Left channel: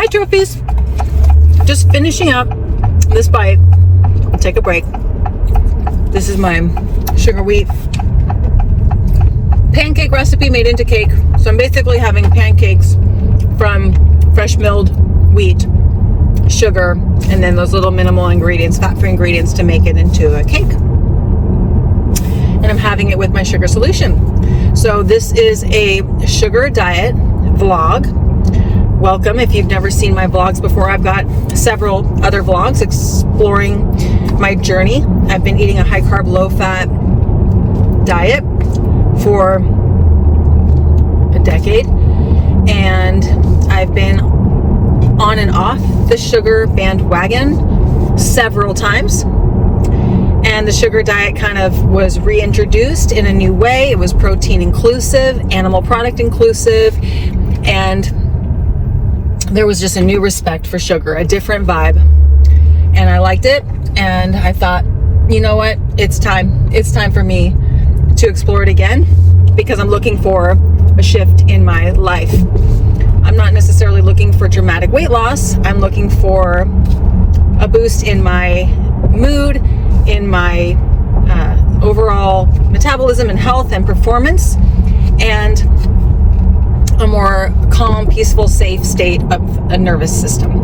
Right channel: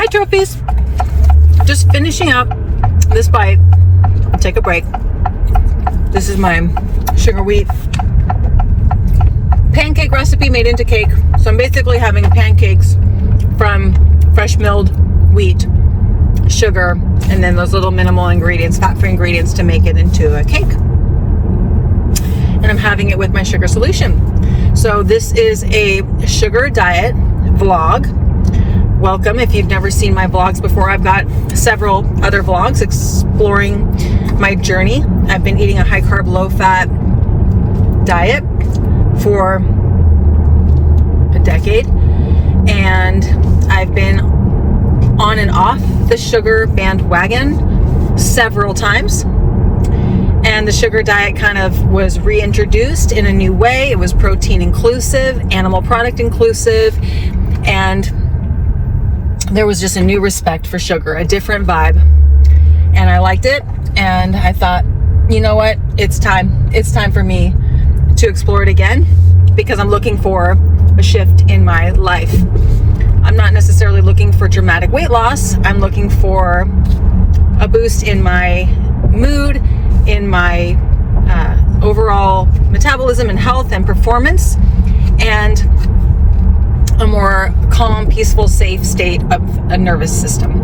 Hi trophies! Just finishing up this bite. Take a break. This is my sugar wheat pancake recipe made into cake. So I'm basically having pancakes from fresh milled wheat, sugar, and then those little minimal ingredients, fat-free ingredients to make it into a cake. And I'm having it with my sugar solution. So this is a sugar diet vlog. Welcome. If you've never seen my vlogs before, I've got several other vlogs exploring my journey. I've been eating a high-carb, low-fat diet for a decade, and I've been on and off the sugar bandwagon several times. And the sugar diet kind of was reintroduced in a new way. It was protein inclusive, animal product inclusive, and there was just a new respect for sugar, a different vibe. And I liked it, and I thought, you know what, it's time for me to explore it again, because I'm looking for a shift in my life. I'm not necessarily looking for dramatic weight loss. I'm looking for a boost in my mood, in my overall metabolism and health and performance, and a more calm, peaceful, safe state of a nervous system.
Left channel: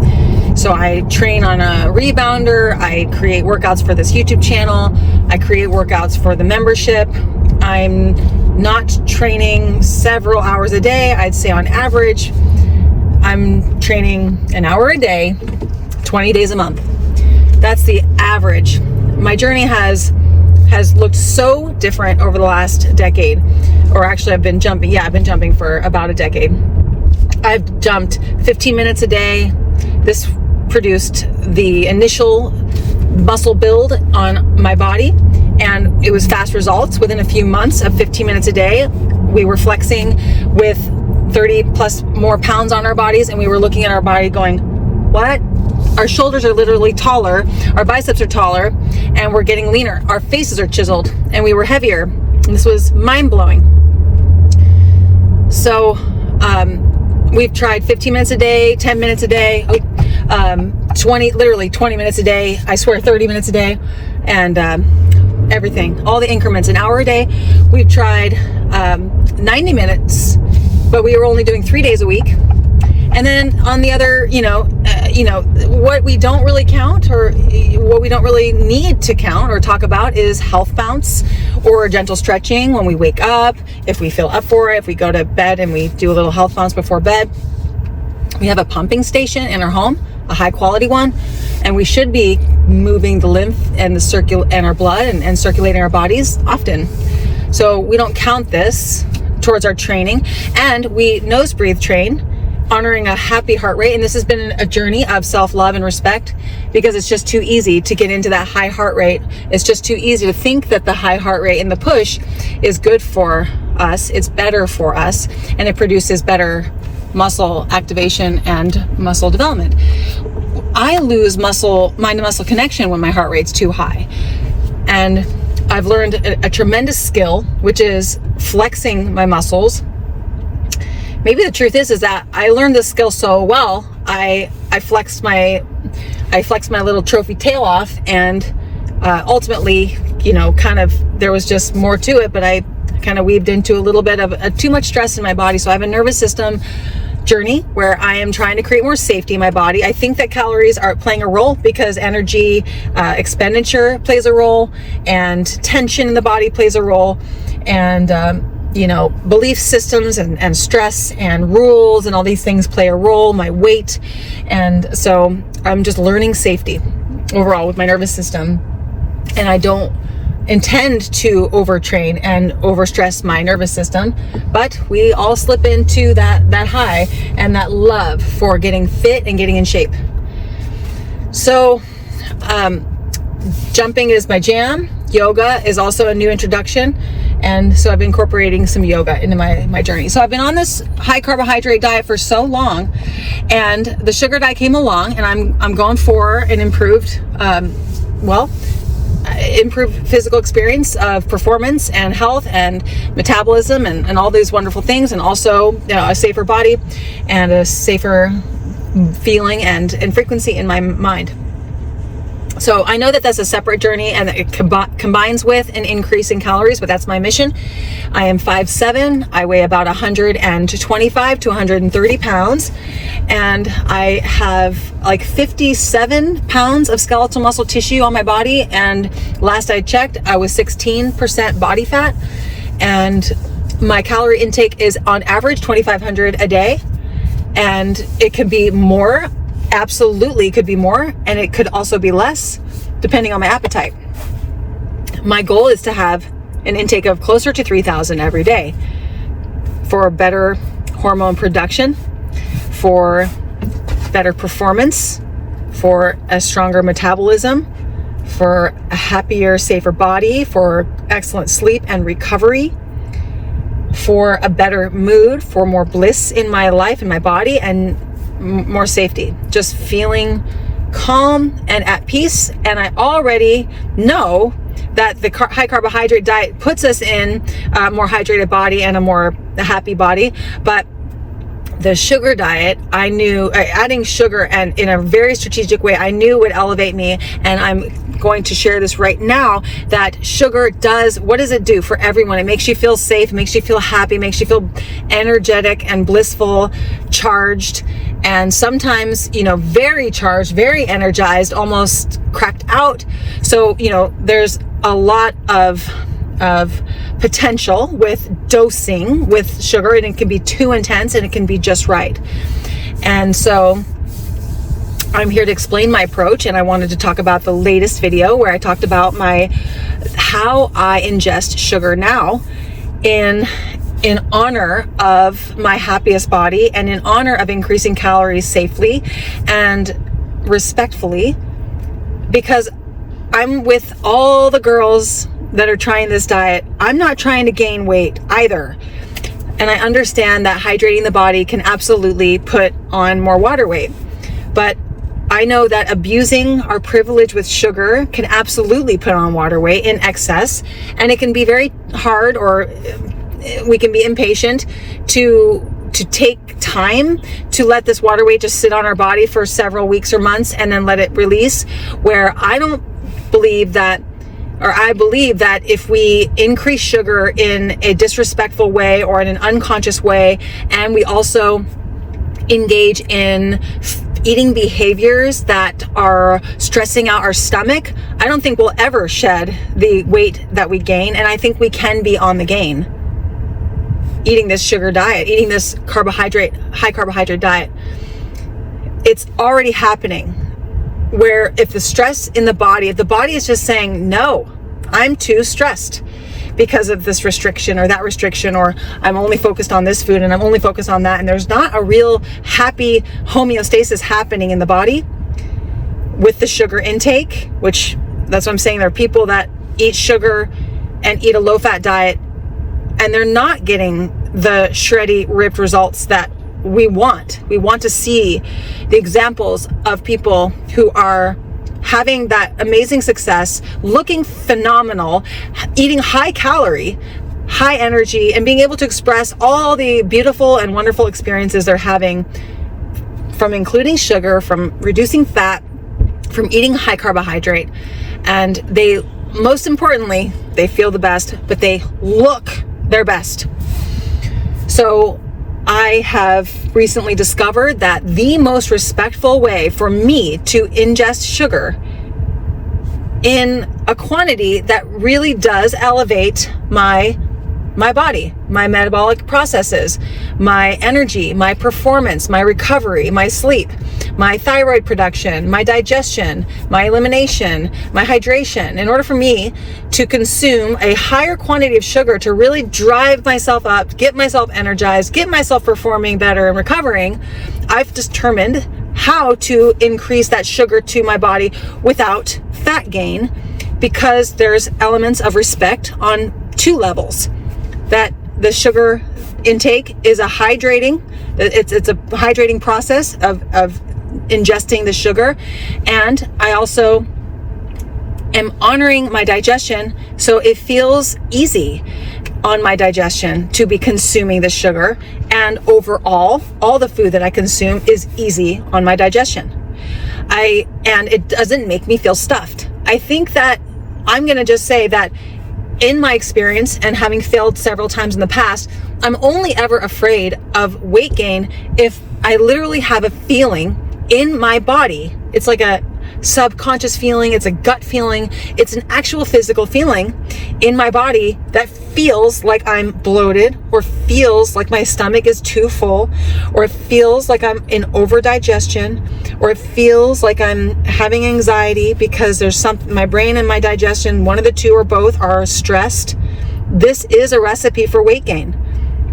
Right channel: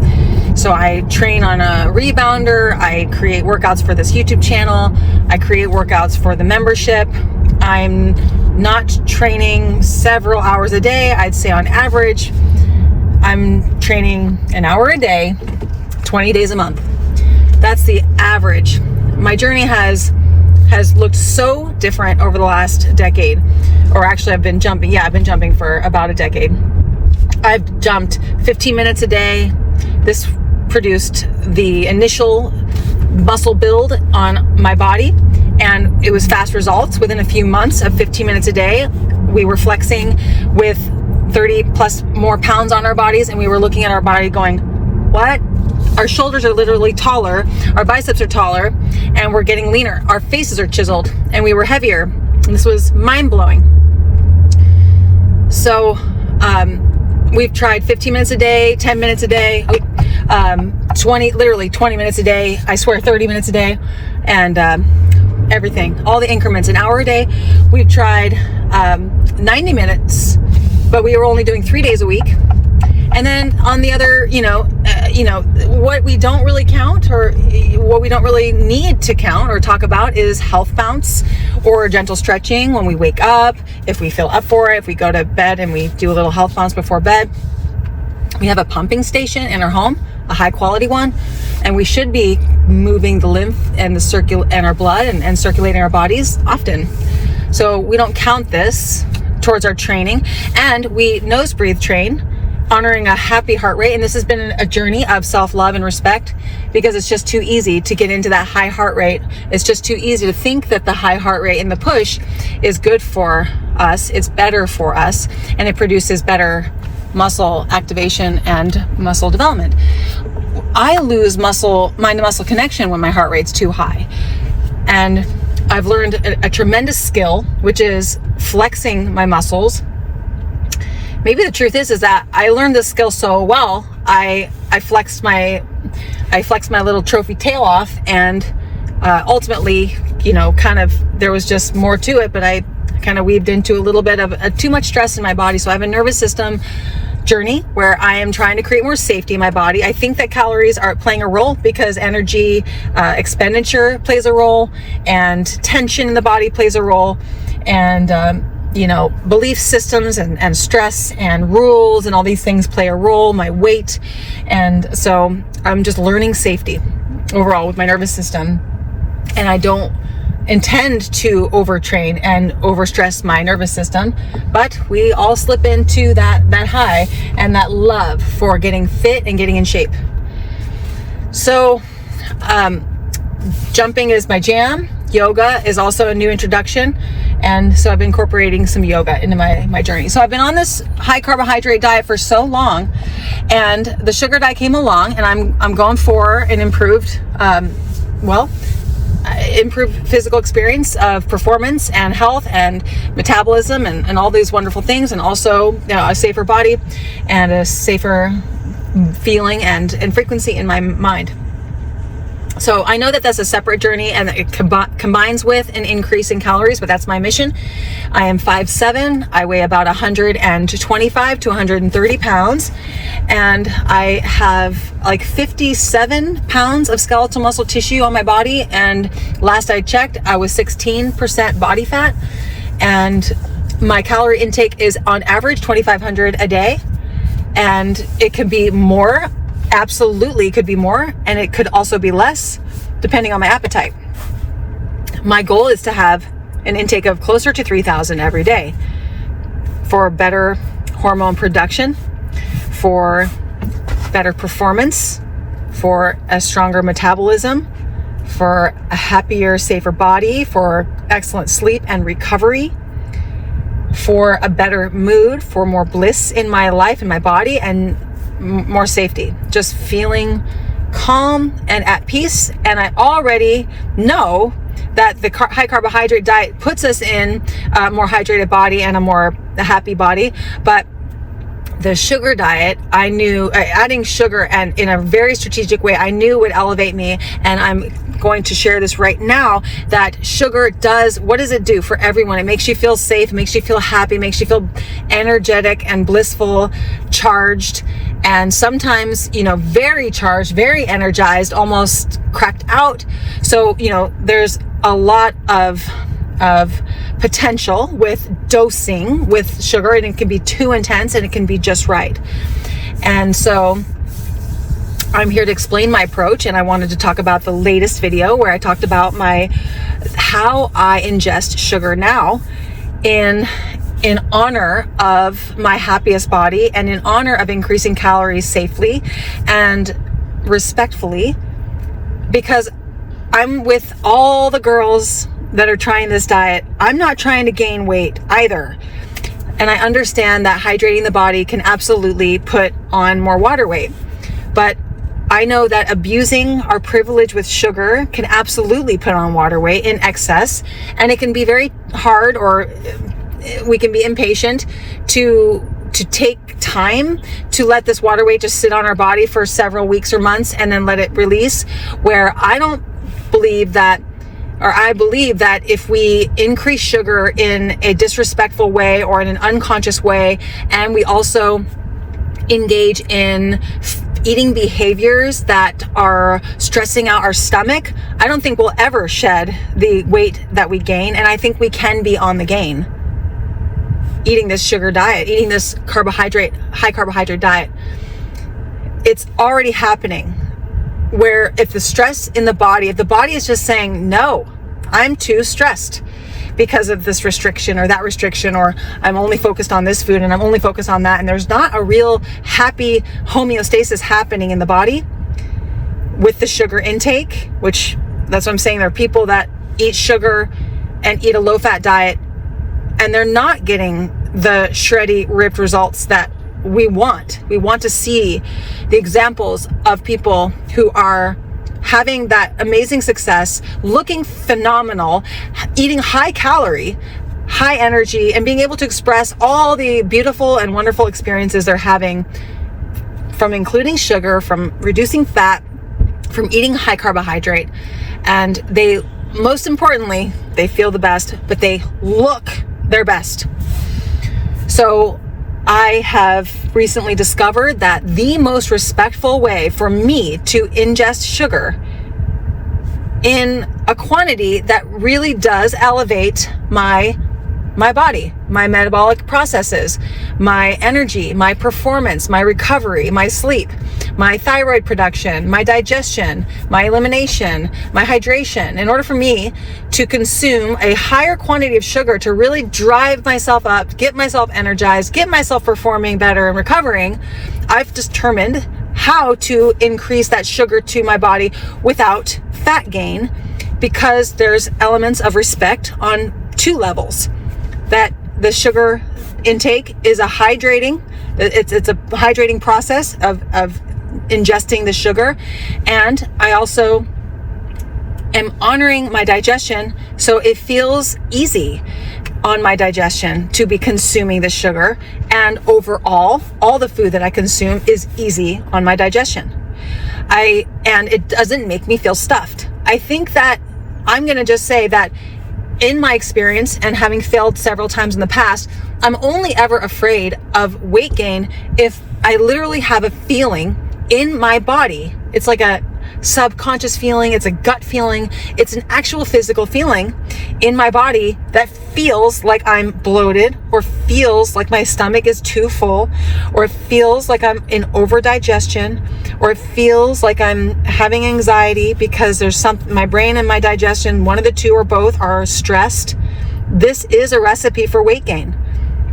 So I train on a rebounder. I create workouts for this YouTube channel. I create workouts for the membership. I'm not training several hours a day. I'd say on average, I'm training an hour a day, 20 days a month. That's the average. My journey has looked so different over the last decade, or actually I've been jumping for about a decade. I've jumped 15 minutes a day. This produced the initial muscle build on my body, and it was fast results. Within a few months of 15 minutes a day, we were flexing with 30 plus more pounds on our bodies, and we were looking at our body going, what? Our shoulders are literally taller, our biceps are taller, and we're getting leaner. Our faces are chiseled, and we were heavier. And this was mind-blowing. So we've tried 15 minutes a day, 10 minutes a day, 20 minutes a day, I swear 30 minutes a day, and everything, all the increments, an hour a day. We've tried 90 minutes, but we were only doing 3 days a week. And then on the other, what we don't really count, or what we don't really need to count or talk about, is health bounce or gentle stretching when we wake up, if we feel up for it, if we go to bed and we do a little health bounce before bed. We have a pumping station in our home, a high quality one, and we should be moving the lymph and our blood and circulating our bodies often. So we don't count this towards our training. And we nose breathe train, honoring a happy heart rate. And this has been a journey of self-love and respect, because it's just too easy to get into that high heart rate. It's just too easy to think that the high heart rate and the push is good for us. It's better for us, and it produces better muscle activation and muscle development. I lose mind-to-muscle connection when my heart rate's too high. And I've learned a tremendous skill, which is flexing my muscles. Maybe the truth is that I learned this skill so well, I flexed my little trophy tail off, and ultimately, there was just more to it, but I kind of weaved into a little bit of too much stress in my body. So I have a nervous system journey where I am trying to create more safety in my body. I think that calories are playing a role, because energy expenditure plays a role, and tension in the body plays a role, and belief systems and stress and rules and all these things play a role, my weight. And so I'm just learning safety overall with my nervous system. And I don't intend to overtrain and overstress my nervous system, but we all slip into that high and that love for getting fit and getting in shape. So jumping is my jam. Yoga is also a new introduction. And so I've been incorporating some yoga into my journey. So I've been on this high carbohydrate diet for so long, and the sugar diet came along, and I'm going for an improved physical experience of performance and health and metabolism and all these wonderful things, and also a safer body and a safer feeling and frequency in my mind. So I know that that's a separate journey, and it combines with an increase in calories, but that's my mission. I am 5'7". I weigh about 125 to 130 pounds, and I have like 57 pounds of skeletal muscle tissue on my body. And last I checked, I was 16% body fat, and my calorie intake is on average 2,500 a day, and it could be more. Absolutely could be more, and it could also be less depending on my appetite. My goal is to have an intake of closer to 3,000 every day for better hormone production, for better performance, for a stronger metabolism, for a happier, safer body, for excellent sleep and recovery, for a better mood, for more bliss in my life, in my body, and more safety, just feeling calm and at peace. And I already know that the high carbohydrate diet puts us in a more hydrated body and a happy body. But the sugar diet, I knew adding sugar, and in a very strategic way, I knew would elevate me. And I'm going to share this right now, that sugar what does it do for everyone? It makes you feel safe, makes you feel happy, makes you feel energetic and blissful, charged, and sometimes, very charged, very energized, almost cracked out. So, there's a lot of potential with dosing with sugar, and it can be too intense and it can be just right. And so I'm here to explain my approach, and I wanted to talk about the latest video where I talked about how I ingest sugar now in honor of my happiest body, and in honor of increasing calories safely and respectfully, because I'm with all the girls that are trying this diet. I'm not trying to gain weight either. And I understand that hydrating the body can absolutely put on more water weight. But I know that abusing our privilege with sugar can absolutely put on water weight in excess. And it can be very hard, or we can be impatient to take time to let this water weight just sit on our body for several weeks or months and then let it release. Where I believe that if we increase sugar in a disrespectful way or in an unconscious way, and we also engage in eating behaviors that are stressing out our stomach, I don't think we'll ever shed the weight that we gain. And I think we can be on the gain eating this sugar diet, eating this high carbohydrate diet. It's already happening, where if the stress in the body, if the body is just saying, no, I'm too stressed because of this restriction or that restriction, or I'm only focused on this food and I'm only focused on that, and there's not a real happy homeostasis happening in the body with the sugar intake, which that's what I'm saying. There are people that eat sugar and eat a low-fat diet, and they're not getting the shreddy, ripped results that we want. We want to see the examples of people who are having that amazing success, looking phenomenal, eating high calorie, high energy, and being able to express all the beautiful and wonderful experiences they're having from including sugar, from reducing fat, from eating high carbohydrate. And most importantly, they feel the best, but they look their best. So I have recently discovered that the most respectful way for me to ingest sugar in a quantity that really does elevate my body, my metabolic processes, my energy, my performance, my recovery, my sleep, my thyroid production, my digestion, my elimination, my hydration. In order for me to consume a higher quantity of sugar to really drive myself up, get myself energized, get myself performing better and recovering, I've determined how to increase that sugar to my body without fat gain, because there's elements of respect on two levels. That the sugar intake is it's a hydrating process of ingesting the sugar. And I also am honoring my digestion so it feels easy. on my digestion to be consuming the sugar, and overall, all the food that I consume is easy on my digestion. And it doesn't make me feel stuffed. I think that I'm going to just say that in my experience, and having failed several times in the past, I'm only ever afraid of weight gain if I literally have a feeling in my body. It's like a subconscious feeling, it's a gut feeling, it's an actual physical feeling in my body that feels like I'm bloated, or feels like my stomach is too full, or it feels like I'm in over-digestion, or it feels like I'm having anxiety because there's something, my brain and my digestion, one of the two or both are stressed. This is a recipe for weight gain,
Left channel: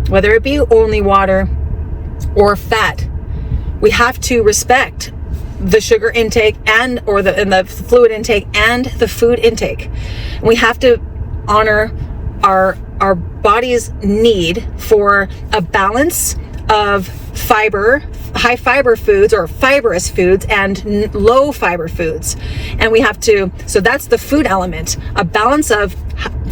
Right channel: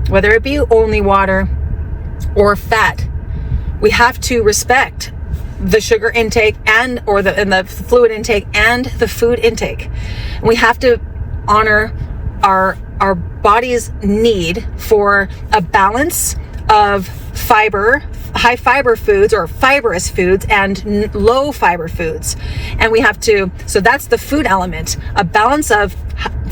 whether it be only water or fat. We have to respect the sugar intake and the fluid intake and the food intake. And we have to honor our body's need for a balance of fiber, high fiber foods or fibrous foods, and low fiber foods. And we have to, so that's the food element, a balance of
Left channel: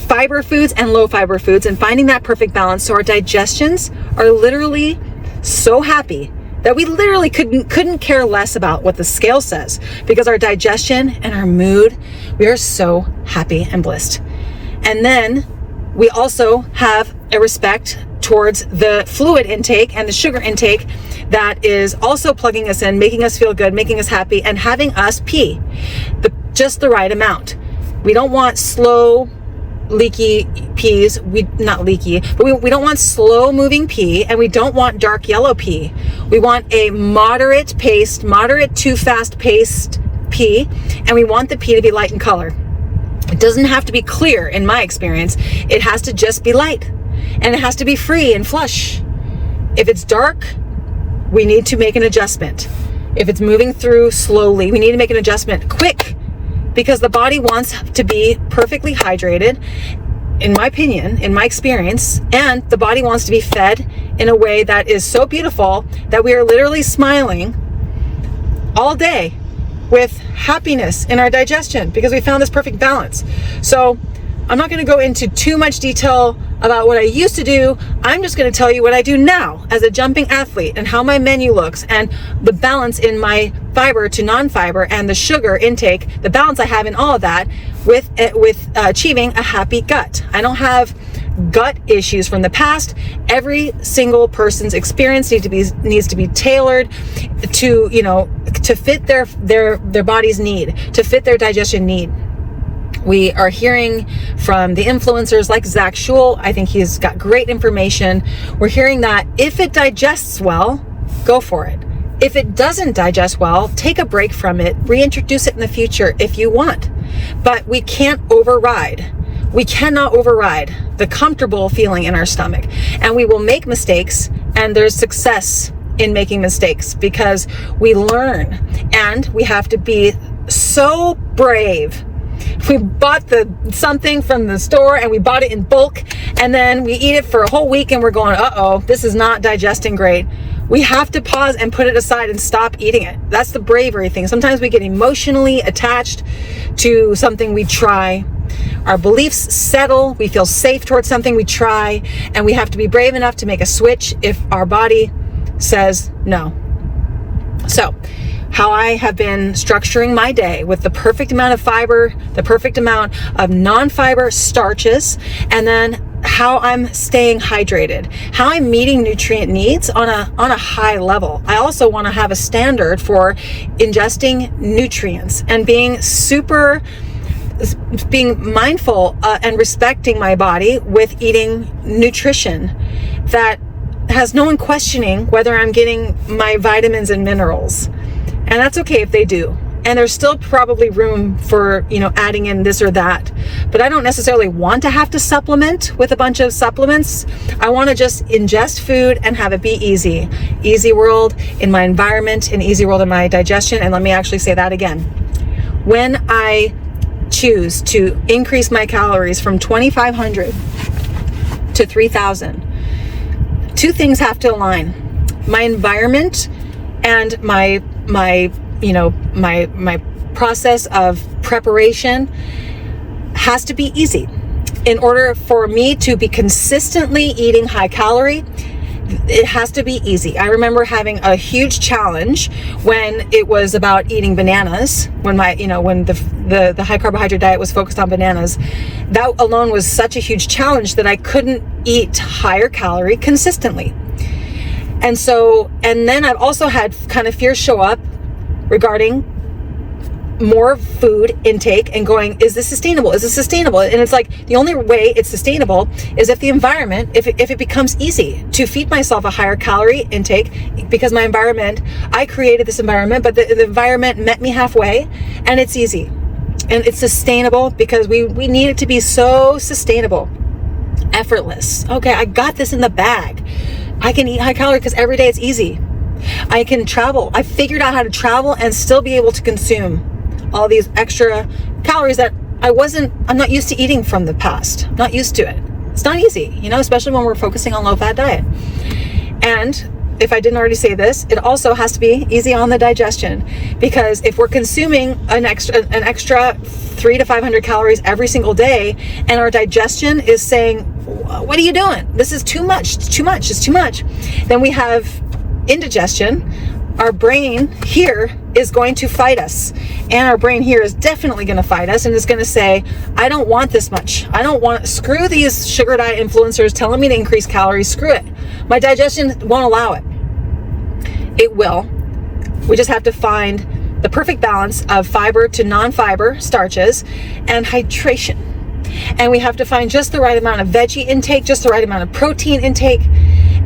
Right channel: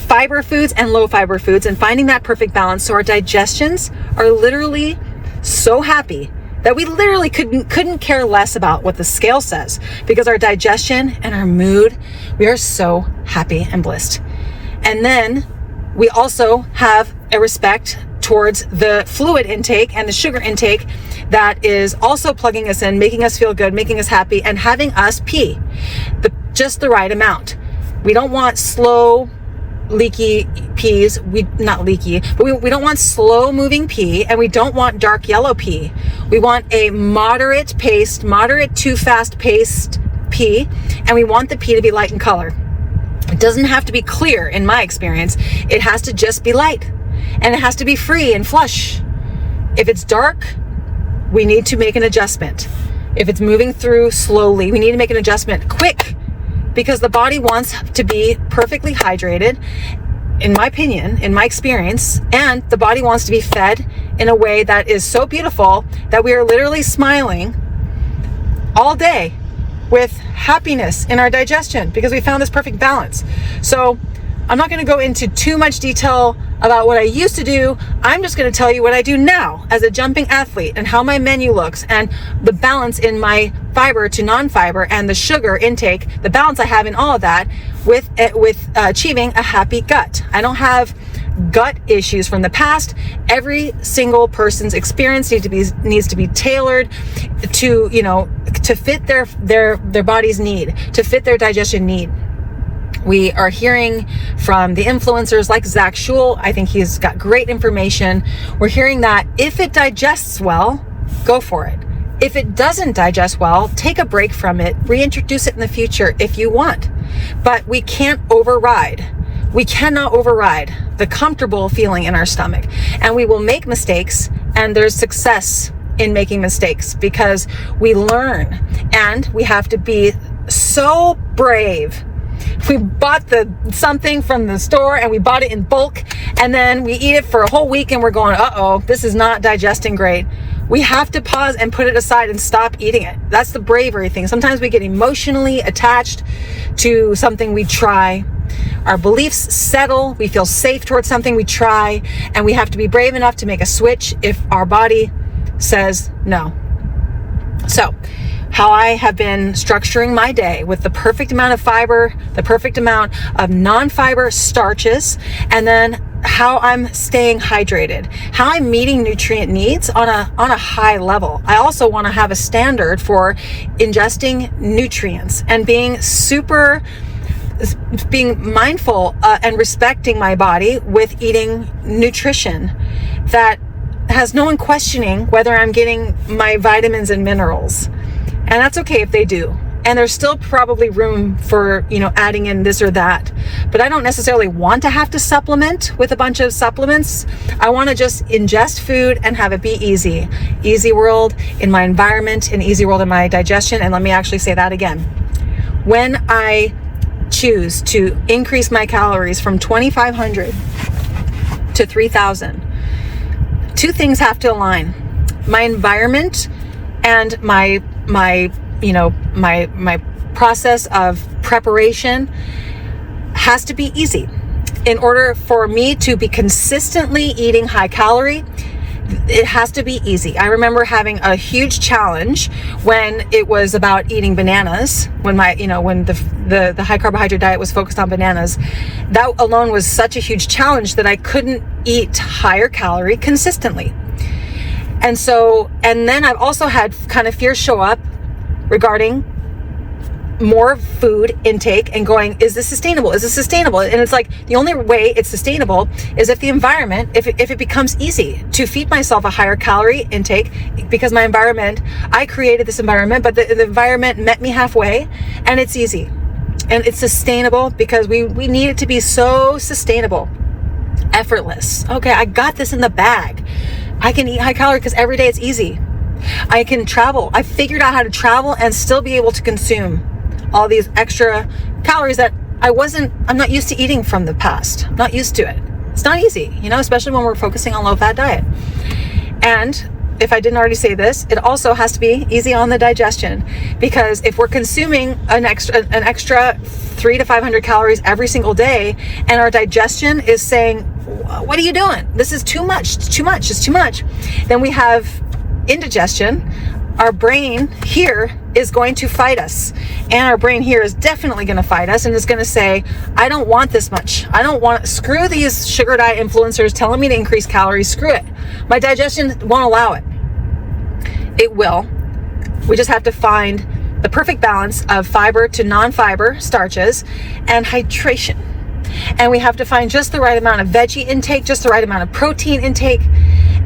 fiber foods and low fiber foods, and finding that perfect balance so our digestions are literally so happy that we literally couldn't care less about what the scale says, because our digestion and our mood, we are so happy and blissed. And then we also have a respect towards the fluid intake and the sugar intake that is also plugging us in, making us feel good, making us happy, and having us pee just the right amount. We don't want slow, leaky peas. Not leaky, but we don't want slow moving pee, and we don't want dark yellow pee. We want a moderate to fast paced pee, and we want the pee to be light in color. It doesn't have to be clear in my experience. It has to just be light, and it has to be free and flush. If it's dark, we need to make an adjustment. If it's moving through slowly, we need to make an adjustment quick, because the body wants to be perfectly hydrated, in my opinion, in my experience, and the body wants to be fed in a way that is so beautiful that we are literally smiling all day with happiness in our digestion, because we found this perfect balance. So I'm not going to go into too much detail about what I used to do. I'm just going to tell you what I do now as a jumping athlete, and how my menu looks, and the balance in my fiber to non-fiber, and the sugar intake, the balance I have in all of that with achieving a happy gut. I don't have gut issues from the past. Every single person's experience needs to be tailored to, to fit their body's need, to fit their digestion need. We are hearing from the influencers like Zach Schul. I think he's got great information. We're hearing that if it digests well, go for it. If it doesn't digest well, take a break from it, reintroduce it in the future if you want. But we cannot override the comfortable feeling in our stomach. And we will make mistakes, and there's success in making mistakes, because we learn, and we have to be so brave. We bought something from the store, and we bought it in bulk, and then we eat it for a whole week, and we're going, uh-oh, this is not digesting great. We have to pause and put it aside and stop eating it. That's the bravery thing. Sometimes we get emotionally attached to something we try. Our beliefs settle. We feel safe towards something we try, and we have to be brave enough to make a switch if our body says no. So, how I have been structuring my day with the perfect amount of fiber, the perfect amount of non-fiber starches, and then how I'm staying hydrated, how I'm meeting nutrient needs on a high level. I also want to have a standard for ingesting nutrients and being mindful and respecting my body with eating nutrition that has no one questioning whether I'm getting my vitamins and minerals. And that's okay if they do. And there's still probably room for, adding in this or that. But I don't necessarily want to have to supplement with a bunch of supplements. I want to just ingest food and have it be easy. Easy world in my environment, and easy world in my digestion. And let me actually say that again. When I choose to increase my calories from 2,500 to 3,000, two things have to align. My environment and my process of preparation has to be easy. in order for me to be consistently eating high calorie, it has to be easy. I remember having a huge challenge when it was about eating bananas, when the high carbohydrate diet was focused on bananas. That alone was such a huge challenge that I couldn't eat higher calorie consistently. And then I've also had kind of fears show up regarding more food intake and going, is this sustainable? Is this sustainable? And it's like, the only way it's sustainable is if the environment, if it becomes easy to feed myself a higher calorie intake, because my environment, I created this environment, but the environment met me halfway, and it's easy and it's sustainable because we need it to be so sustainable, effortless. Okay, I got this in the bag. I can eat high calorie because every day it's easy. I can travel. I figured out how to travel and still be able to consume all these extra calories that I'm not used to eating from the past. I'm not used to it. It's not easy, especially when we're focusing on low-fat diet. And if I didn't already say this, it also has to be easy on the digestion, because if we're consuming an extra 300 to 500 calories every single day, and our digestion is saying, what are you doing? This is too much. It's too much. It's too much. Then we have indigestion. Our brain here is going to fight us, and our brain here is definitely going to fight us, and it's going to say, I don't want this much. Screw these sugar diet influencers telling me to increase calories. Screw it. My digestion won't allow it. It will. We just have to find the perfect balance of fiber to non-fiber starches and hydration. And we have to find just the right amount of veggie intake, just the right amount of protein intake,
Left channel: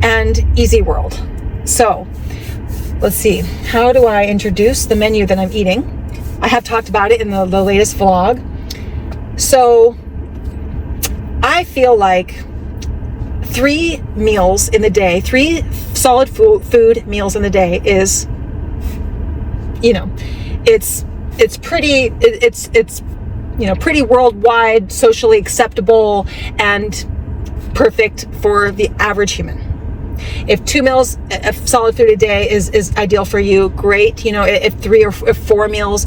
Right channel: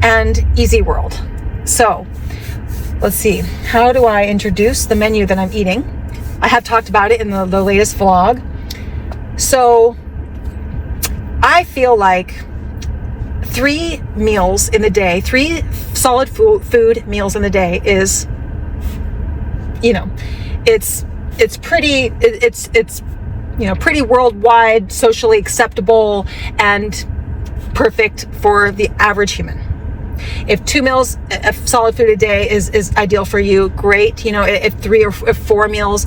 and easy world. So let's see, how do I introduce the menu that I'm eating? I have talked about it in the latest vlog. So I feel like 3 meals in the day, 3 solid food meals in the day is, it's pretty worldwide, socially acceptable, and perfect for the average human. If 2 meals of solid food a day is ideal for you, great. If 3 or 4 meals,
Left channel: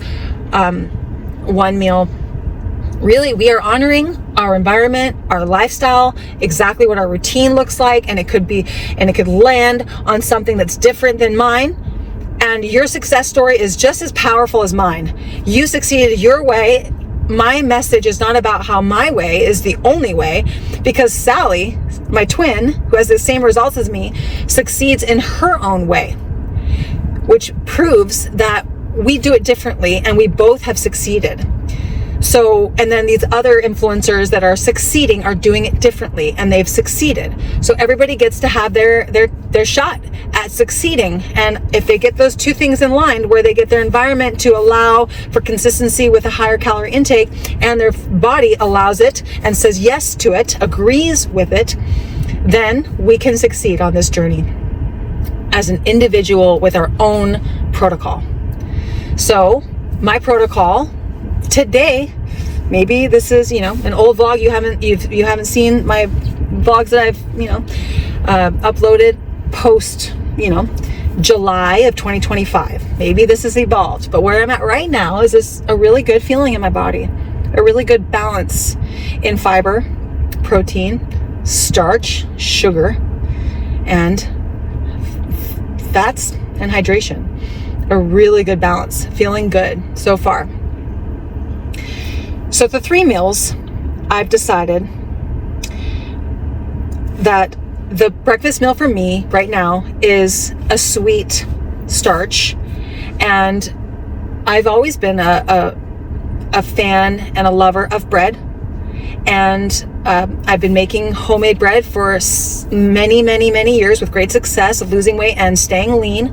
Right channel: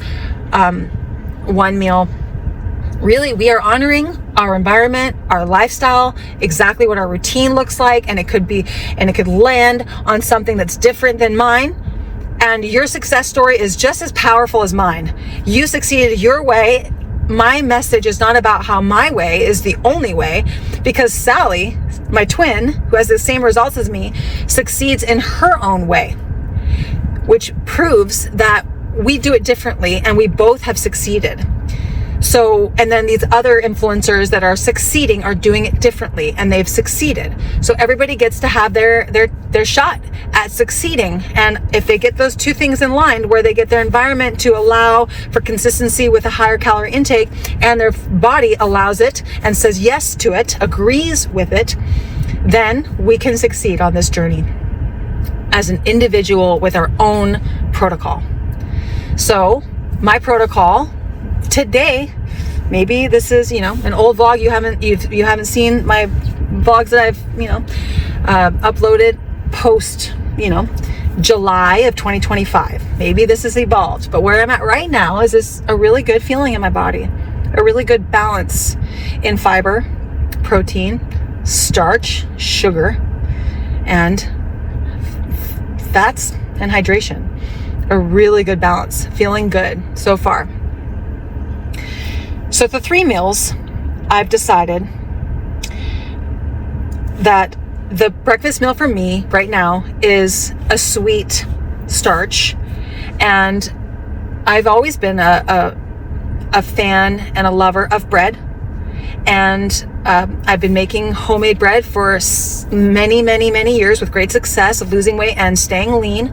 1 meal, really, we are honoring our environment, our lifestyle, exactly what our routine looks like, and it could land on something that's different than mine. And your success story is just as powerful as mine. You succeeded your way. My message is not about how my way is the only way, because Sally, my twin, who has the same results as me, succeeds in her own way, which proves that we do it differently and we both have succeeded. So, and then these other influencers that are succeeding are doing it differently, and they've succeeded. So everybody gets to have their shot at succeeding. And if they get those 2 things in line, where they get their environment to allow for consistency with a higher calorie intake, and their body allows it and says yes to it, agrees with it, then we can succeed on this journey as an individual with our own protocol. So my protocol today, maybe this is an old vlog. You haven't seen my vlogs that I've uploaded post July of 2025. Maybe this has evolved, but where I'm at right now is a really good feeling in my body, a really good balance in fiber, protein, starch, sugar, and fats and hydration. A really good balance, feeling good so far. So the 3 meals, I've decided that the breakfast meal for me right now is a sweet starch. And I've always been a fan and a lover of bread. And I've been making homemade bread for many years with great success of losing weight and staying lean.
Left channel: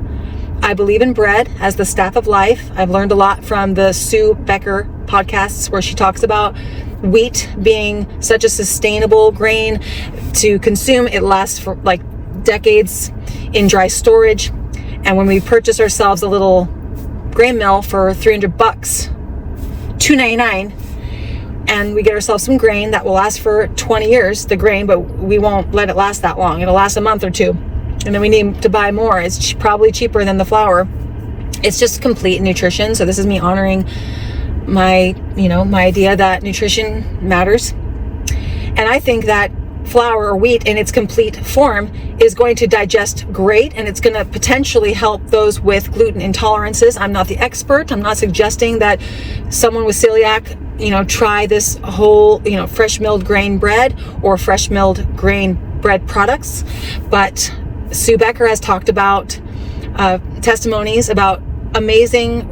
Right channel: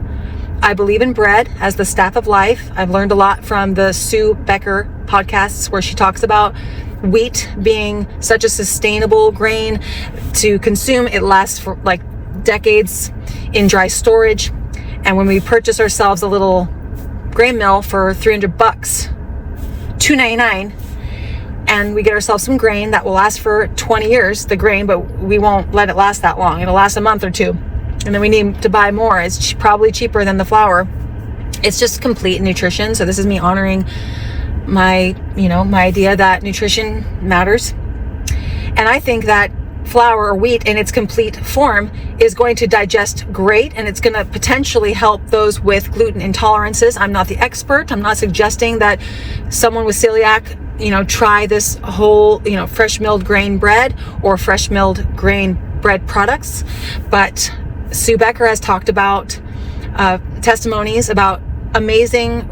I believe in bread as the staff of life. I've learned a lot from the Sue Becker podcasts, where she talks about wheat being such a sustainable grain to consume. It lasts for like decades in dry storage. And when we purchase ourselves a little grain mill for $300, $2.99, and we get ourselves some grain that will last for 20 years, the grain, but we won't let it last that long. It'll last a month or 2. And then we need to buy more. It's probably cheaper than the flour. It's just complete nutrition. So this is me honoring my idea that nutrition matters. And I think that flour or wheat in its complete form is going to digest great, and it's going to potentially help those with gluten intolerances. I'm not the expert. I'm not suggesting that someone with celiac, try this whole, fresh milled grain bread or fresh milled grain bread products. But Sue Becker has talked about testimonies about amazing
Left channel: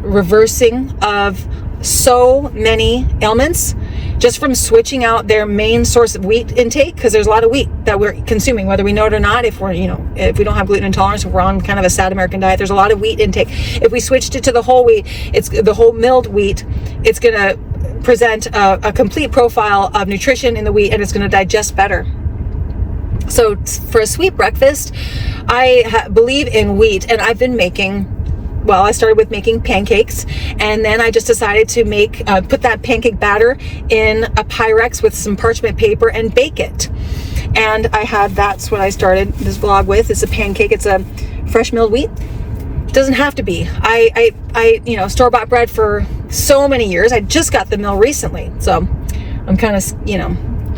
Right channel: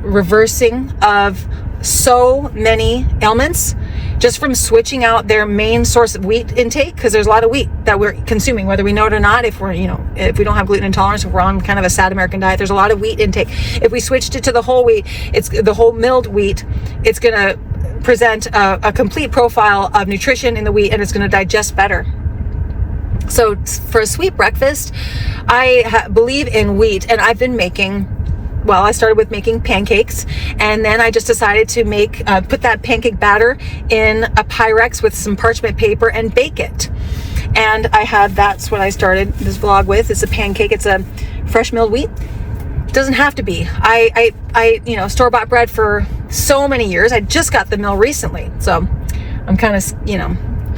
reversing of so many ailments just from switching out their main source of wheat intake, because there's a lot of wheat that we're consuming, whether we know it or not. If we're, if we don't have gluten intolerance, if we're on kind of a sad American diet, there's a lot of wheat intake. If we switched it to the whole wheat, it's the whole milled wheat, it's going to present a complete profile of nutrition in the wheat, and it's going to digest better. So for a sweet breakfast, I believe in wheat, and I've been I started with making pancakes, and then I just decided to put that pancake batter in a Pyrex with some parchment paper and bake it. And that's what I started this vlog with. It's a pancake. It's a fresh milled wheat. It doesn't have to be. I store-bought bread for so many years. I just got the mill recently. So I'm kind of,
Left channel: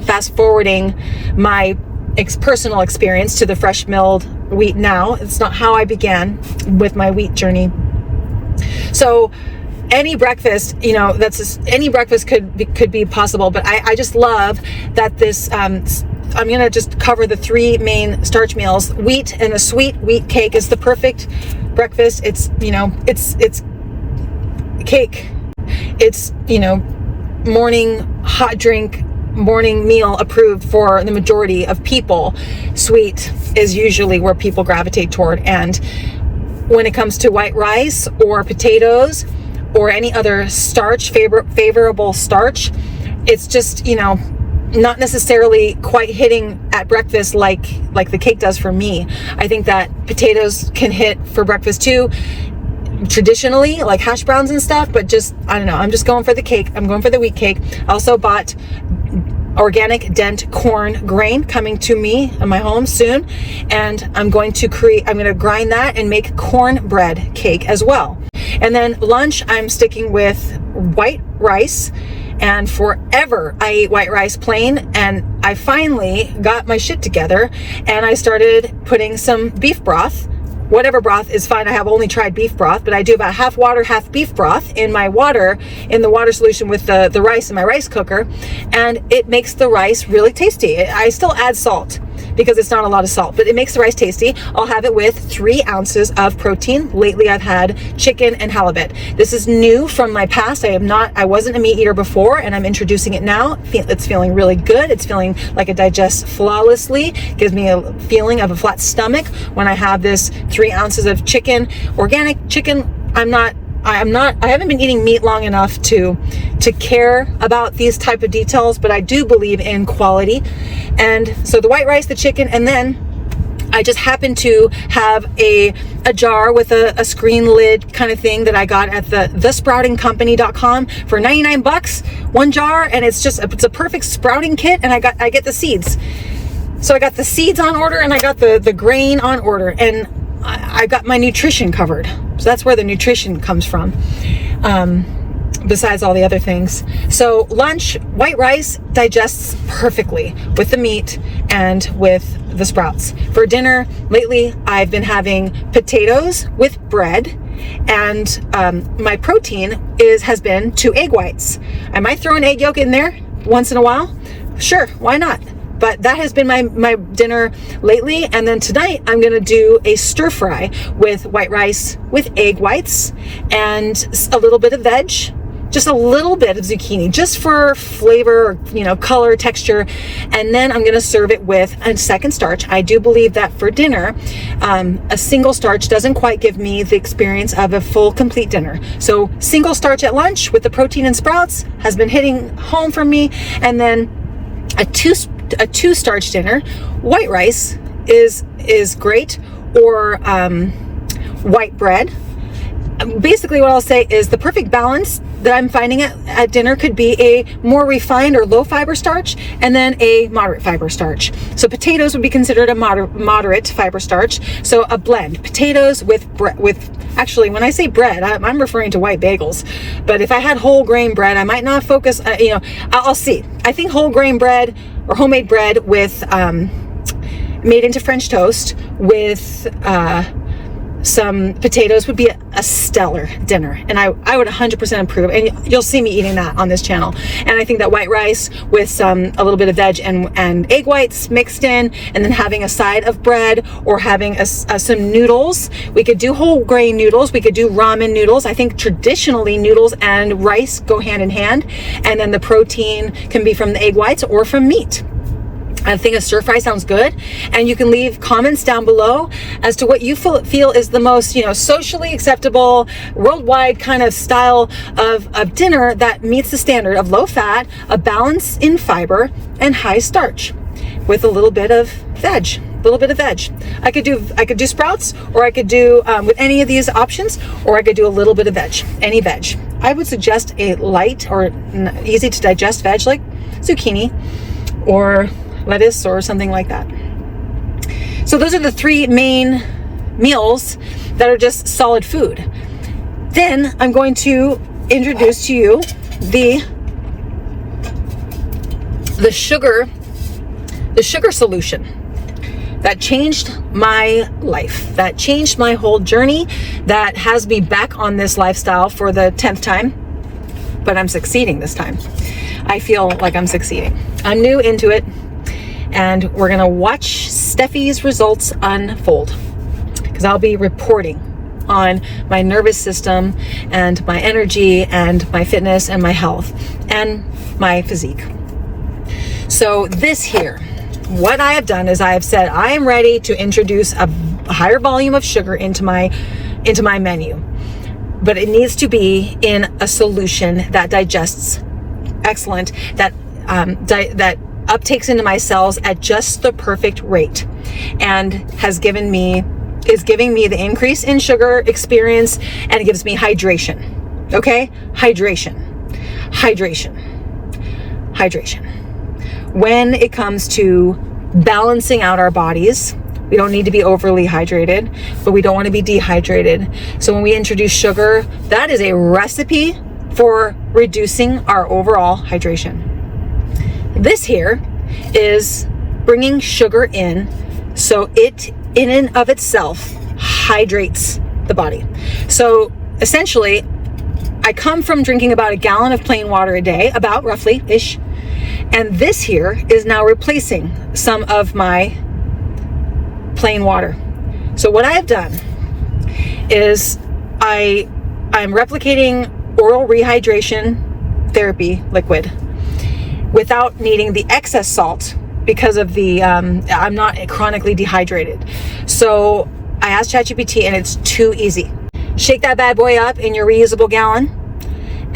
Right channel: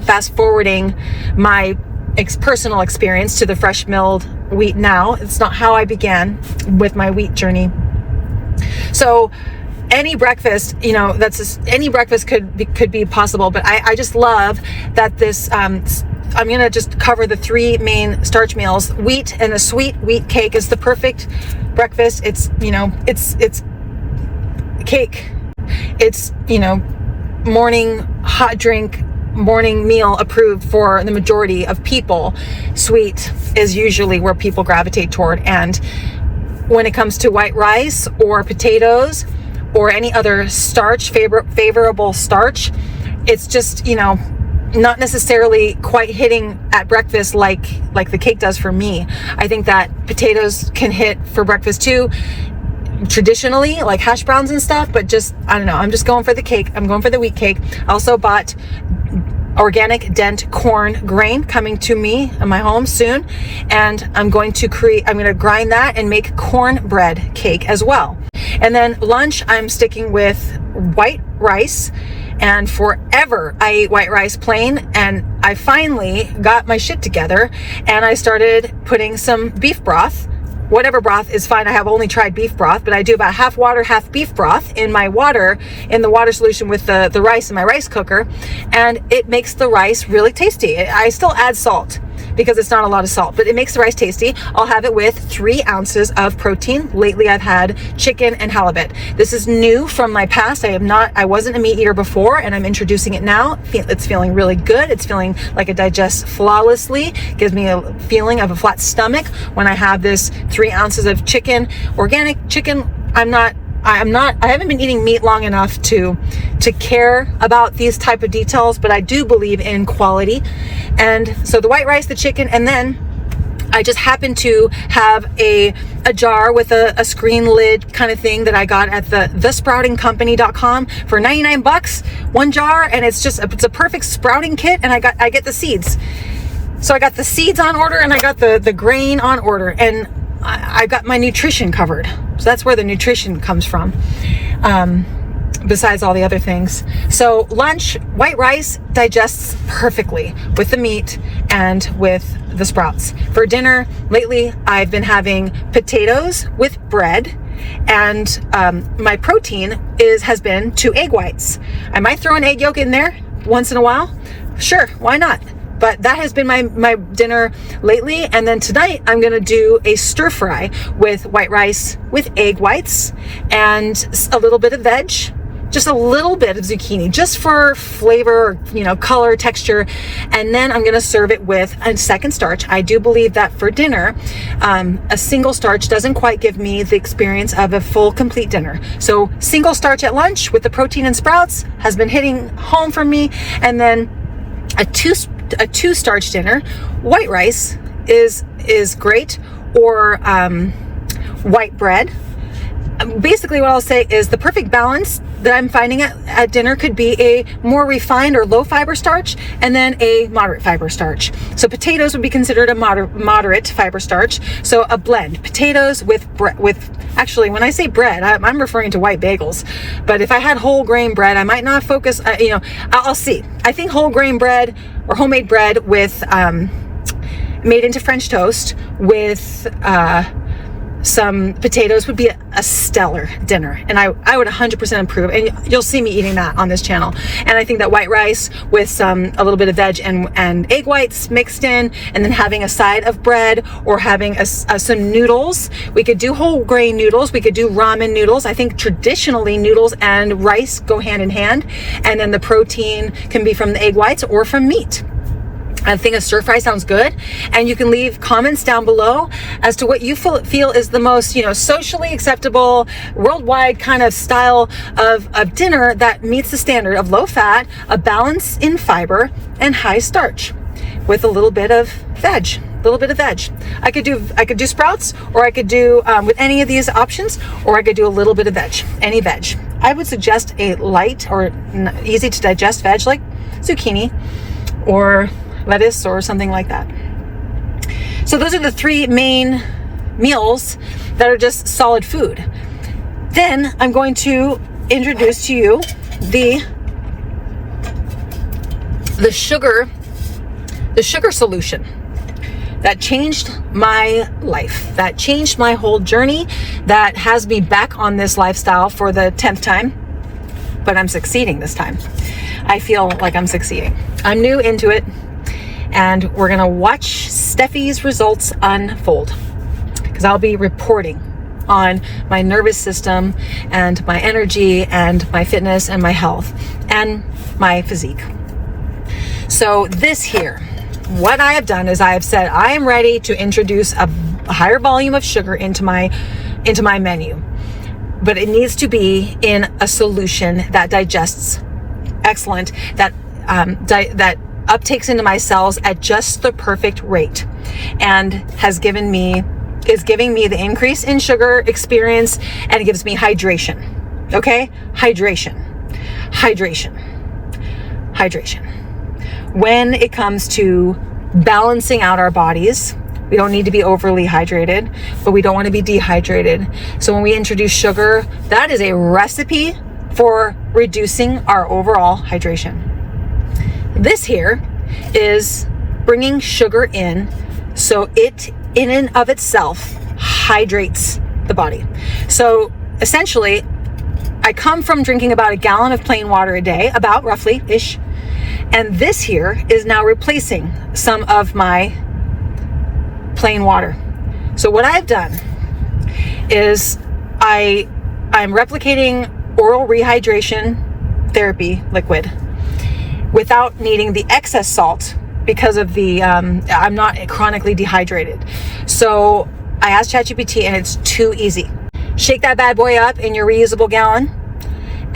fast forwarding my personal experience to the fresh milled wheat now. It's not how I began with my wheat journey. So any breakfast, any breakfast could be possible, but I just love that this, I'm going to just cover the three main starch meals. Wheat and a sweet wheat cake is the perfect breakfast. It's, it's cake. It's, morning hot drink, morning meal approved for the majority of people. Sweet is usually where people gravitate toward. And when it comes to white rice or potatoes or any other starch, favorable starch, it's just, not necessarily quite hitting at breakfast like the cake does for me. I think that potatoes can hit for breakfast too, traditionally, like hash browns and stuff, but just, I don't know, I'm just going for the cake. I'm going for the wheat cake. I also bought organic dent corn grain coming to me in my home soon, and I'm going to grind that and make cornbread cake as well. And then lunch, I'm sticking with white rice, and forever I ate white rice plain, and I finally got my shit together and I started putting some beef broth. Whatever broth is fine. I have only tried beef broth, but I do about half water, half beef broth in the water solution with the rice in my rice cooker. And it makes the rice really tasty. I still add salt because it's not a lot of salt, but it makes the rice tasty. I'll have it with 3 ounces of protein. Lately I've had chicken and halibut. This is new from my past. I wasn't a meat eater before, and I'm introducing it now. It's feeling really good. It's feeling like it digests flawlessly. Gives me a feeling of a flat stomach when I have this 3 ounces of chicken, organic chicken. I haven't been eating meat long enough to care about these type of details, but I do believe in quality. And so the white rice, the chicken, and then I just happen to have a jar with a screen lid kind of thing that I got at thesproutingcompany.com for 99 bucks, one jar, and it's a perfect sprouting kit, and I get the seeds. So I got the seeds on order, and I got the grain on order, and I got my nutrition covered. So that's where the nutrition comes from, besides all the other things. So lunch, white rice digests perfectly with the meat and with the sprouts. For dinner, lately, I've been having potatoes with bread, and my protein has been 2 egg whites. I might throw an egg yolk in there once in a while. Sure, why not? But that has been my dinner lately. And then tonight I'm going to do a stir fry with white rice with egg whites and a little bit of veg, just a little bit of zucchini, just for flavor, color, texture. And then I'm going to serve it with a second starch. I do believe that for dinner, a single starch doesn't quite give me the experience of a full, complete dinner. So single starch at lunch with the protein and sprouts has been hitting home for me. And then a two starch dinner, white rice is great, or white bread. Basically what I'll say is the perfect balance that I'm finding at dinner could be a more refined or low fiber starch, and then a moderate fiber starch. So potatoes would be considered a moderate fiber starch. So a blend, potatoes with actually, when I say bread, I'm referring to white bagels. But if I had whole grain bread, I might not focus, I'll see. I think whole grain bread or homemade bread with, made into French toast with, some potatoes would be a stellar dinner, and I would 100% approve, and you'll see me eating that on this channel. And I think that white rice with a little bit of veg and egg whites mixed in, and then having a side of bread, or having some noodles. We could do whole grain noodles, we could do ramen noodles. I think traditionally noodles and rice go hand in hand, and then the protein can be from the egg whites or from meat. I think a stir fry sounds good, and you can leave comments down below as to what you feel is the most, socially acceptable, worldwide kind of style of dinner that meets the standard of low fat, a balance in fiber, and high starch, with a little bit of veg. I could do sprouts, or I could do with any of these options, or I could do a little bit of veg, any veg. I would suggest a light or easy to digest veg like zucchini or lettuce or something like that. So those are the three main meals that are just solid food. Then I'm going to introduce to you the sugar solution that changed my life, that changed my whole journey, that has me back on this lifestyle for the 10th time, but I'm succeeding this time. I feel like I'm succeeding. I'm new into it, and we're gonna watch Steffi's results unfold, because I'll be reporting on my nervous system and my energy and my fitness and my health and my physique. So this here, what I have done is I have said I am ready to introduce a higher volume of sugar into my menu, but it needs to be in a solution that digests excellent, that uptakes into my cells at just the perfect rate, and is giving me the increase in sugar experience, and it gives me hydration. Okay? Hydration. When it comes to balancing out our bodies, we don't need to be overly hydrated, but we don't want to be dehydrated. So when we introduce sugar, that is a recipe for reducing our overall hydration. This here is bringing sugar in, so it in and of itself hydrates the body. So essentially, I come from drinking about a gallon of plain water a day, about roughly-ish, and this here is now replacing some of my plain water. So what I've done is I'm replicating oral rehydration therapy liquid without needing the excess salt, because of the I'm not chronically dehydrated. So I asked ChatGPT, and it's too easy. Shake that bad boy up in your reusable gallon,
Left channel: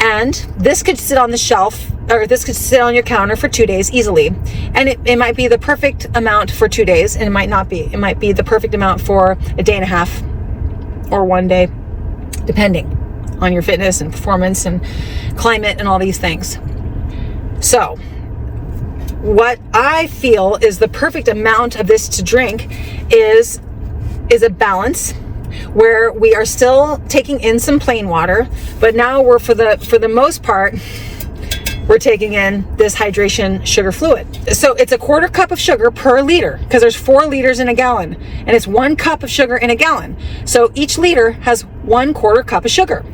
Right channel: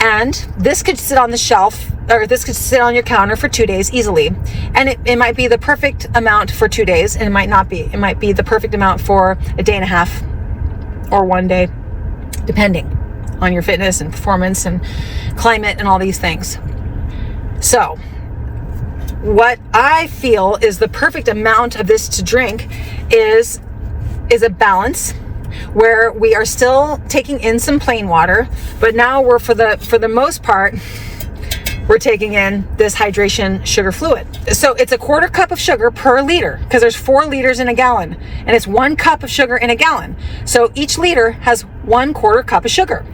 and this could sit on the shelf, or this could sit on your counter for 2 days easily. And it might be the perfect amount for 2 days, and it might not be. It might be the perfect amount for a day and a half or 1 day, depending on your fitness and performance and climate and all these things. So what I feel is the perfect amount of this to drink is a balance, where we are still taking in some plain water, but now we're for the most part, we're taking in this hydration sugar fluid. So it's a 1/4 cup of sugar per liter, because there's 4 liters in a gallon, and it's 1 cup of sugar in a gallon. So each liter has 1/4 cup of sugar.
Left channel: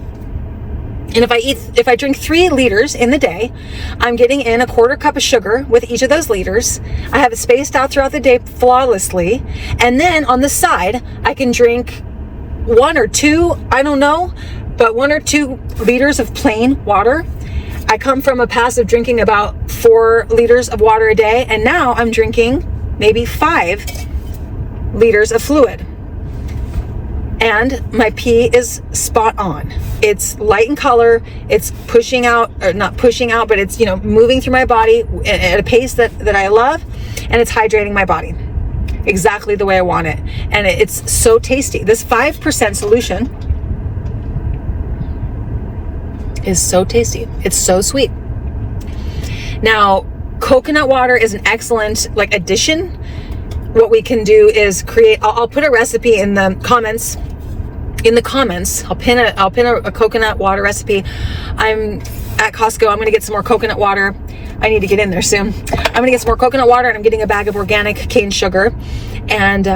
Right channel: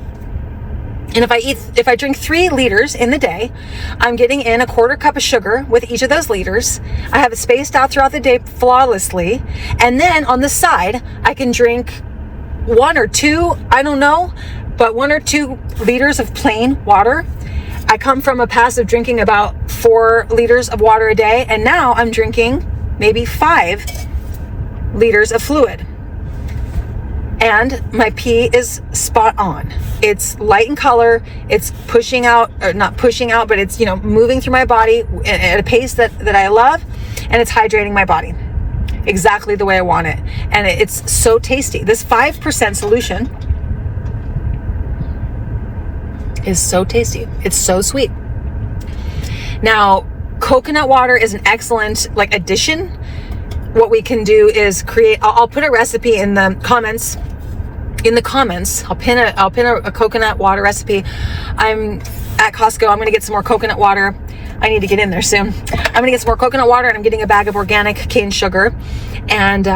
And if I drink 3 liters in the day, I'm getting in a 1/4 cup of sugar with each of those liters. I have it spaced out throughout the day flawlessly. And then on the side, I can drink 1 or 2, I don't know, but 1 or 2 liters of plain water. I come from a passive drinking about 4 liters of water a day, and now I'm drinking maybe 5 liters of fluid. And my pee is spot on. It's light in color, it's pushing out, or not pushing out, but it's, moving through my body at a pace that I love, and it's hydrating my body exactly the way I want it. And it's so tasty. This 5% solution is so tasty. It's so sweet. Now, coconut water is an excellent addition. What we can do is I'll put a recipe in the comments in the comments, I'll pin a coconut water recipe. I'm at Costco. I'm going to get some more coconut water. I need to get in there soon. I'm going to get some more coconut water, and I'm getting a bag of organic cane sugar, and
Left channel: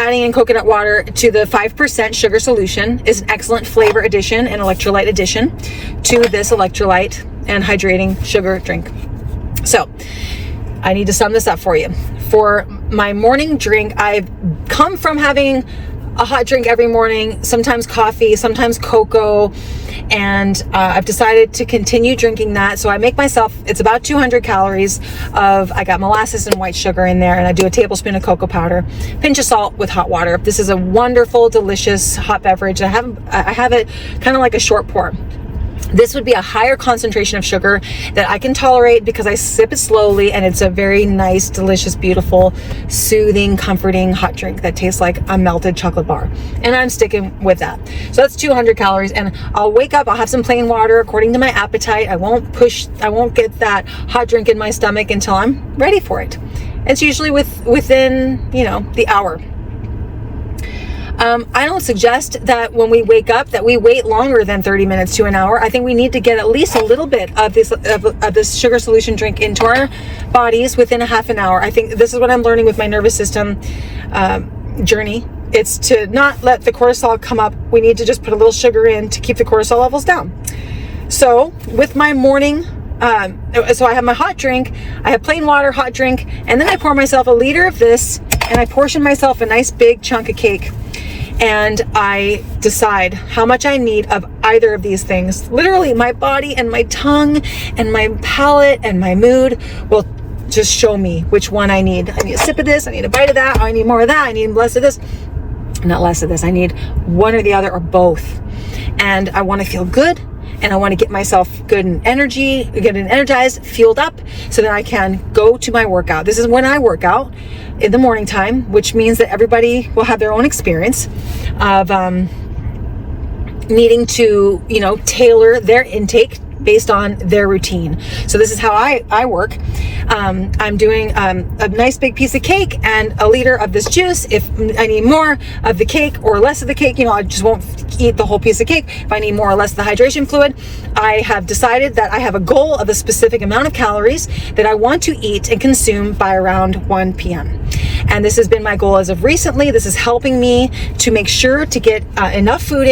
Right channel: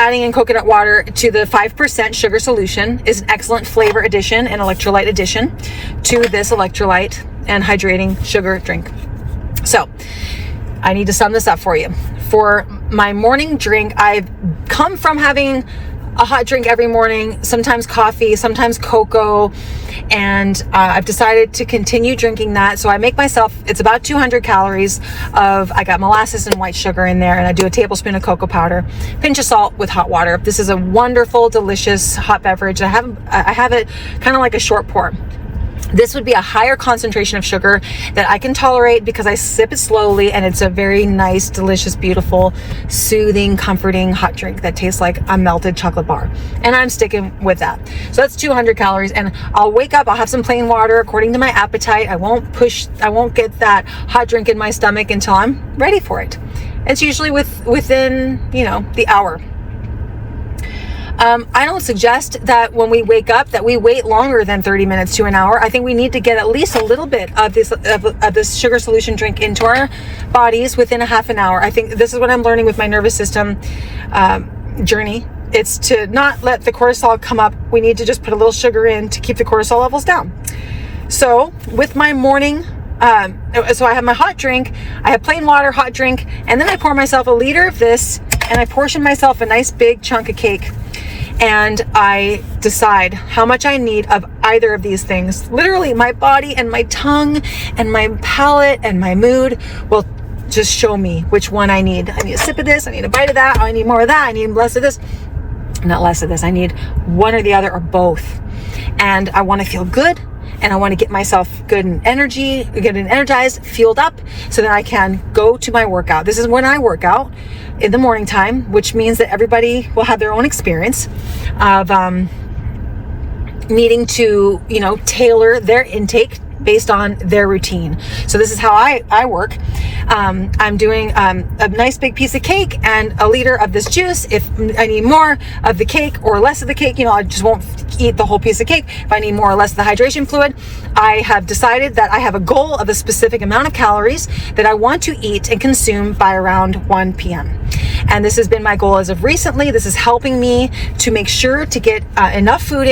adding in coconut water to the 5% sugar solution is an excellent flavor addition and electrolyte addition to this electrolyte and hydrating sugar drink. So I need to sum this up for you. For my morning drink, I've come from having a hot drink every morning, sometimes coffee, sometimes cocoa, and I've decided to continue drinking that. So I make myself, it's about 200 calories of, I got molasses and white sugar in there, and I do a tablespoon of cocoa powder, pinch of salt with hot water. This is a wonderful, delicious hot beverage. I have it kind of like a short pour. This would be a higher concentration of sugar that I can tolerate because I sip it slowly, and it's a very nice, delicious, beautiful, soothing, comforting hot drink that tastes like a melted chocolate bar. And I'm sticking with that. So that's 200 calories, and I'll wake up, I'll have some plain water according to my appetite. I won't get that hot drink in my stomach until I'm ready for it. It's usually within, the hour. I don't suggest that when we wake up that we wait longer than 30 minutes to an hour. I think we need to get at least a little bit of this sugar solution drink into our bodies within a half an hour. I think this is what I'm learning with my nervous system journey. It's to not let the cortisol come up. We need to just put a little sugar in to keep the cortisol levels down. So with my morning, so I have my hot drink, I have plain water, hot drink, and then I pour myself a liter of this, and I portion myself a nice big chunk of cake. And I decide how much I need of either of these things. Literally, my body and my tongue and my palate and my mood will just show me which one I need. I need a sip of this, I need a bite of that, I need more of that, I need less of this. Not less of this, I need one or the other or both. And I want to feel good, and I want to get myself good and energized, fueled up, so that I can go to my workout. This is when I work out in the morning time, which means that everybody will have their own experience of needing to, tailor their intake based on their routine. So this is how I work. I'm doing a nice big piece of cake and a liter of this juice. If I need more of the cake or less of the cake, I just won't eat the whole piece of cake. If I need more or less of the hydration fluid, I have decided that I have a goal of a specific amount of calories that I want to eat and consume by around 1 p.m. And this has been my goal as of recently. This is helping me to make sure to get enough food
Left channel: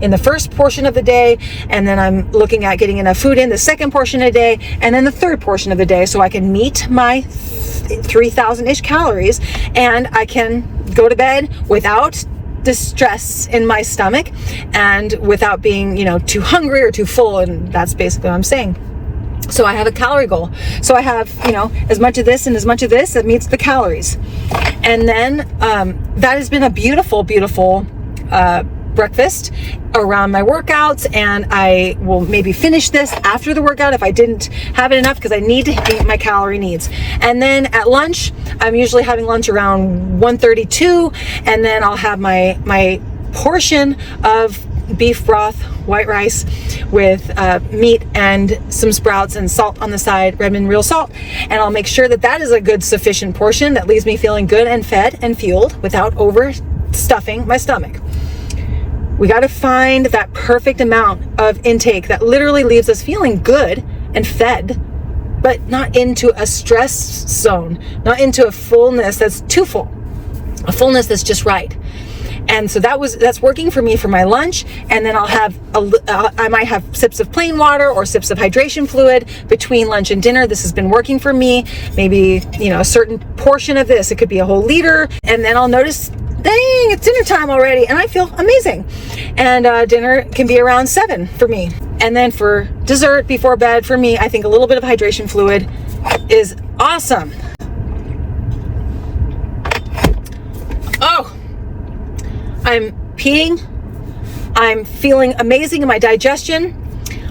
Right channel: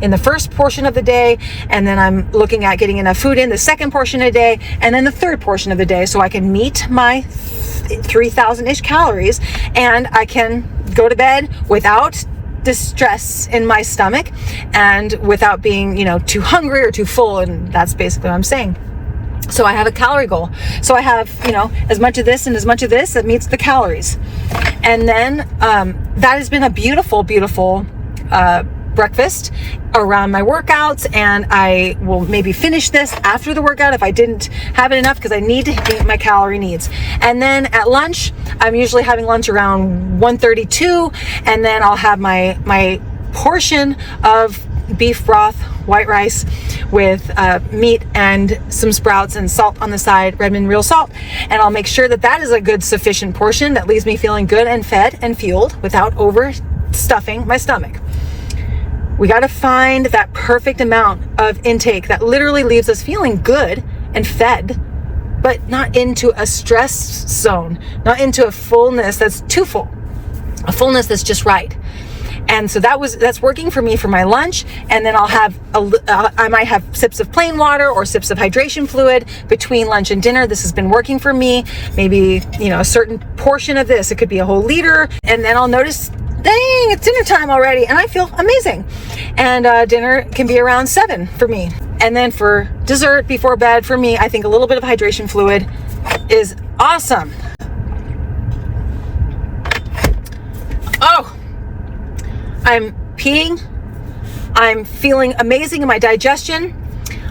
in the first portion of the day, and then I'm looking at getting enough food in the second portion of the day, and then the third portion of the day, so I can meet my 3,000-ish calories, and I can go to bed without distress in my stomach and without being, too hungry or too full. And that's basically what I'm saying. So I have a calorie goal. So I have, as much of this and as much of this that meets the calories. And then that has been a beautiful, beautiful breakfast around my workouts, and I will maybe finish this after the workout if I didn't have it enough, because I need to meet my calorie needs. And then at lunch, I'm usually having lunch around 1:32, and then I'll have my portion of beef broth, white rice with meat and some sprouts and salt on the side, Redmond real salt. And I'll make sure that is a good sufficient portion that leaves me feeling good and fed and fueled without overstuffing my stomach. We got to find that perfect amount of intake that literally leaves us feeling good and fed, but not into a stress zone, not into a fullness that's too full, a fullness that's just right. And so that's working for me for my lunch. And then I'll have I might have sips of plain water or sips of hydration fluid between lunch and dinner. This has been working for me. Maybe, a certain portion of this, it could be a whole liter. And then I'll notice, dang, it's dinner time already, and I feel amazing. And dinner can be around 7 for me. And then for dessert before bed, for me, I think a little bit of hydration fluid is awesome. Oh, I'm peeing. I'm feeling amazing in my digestion.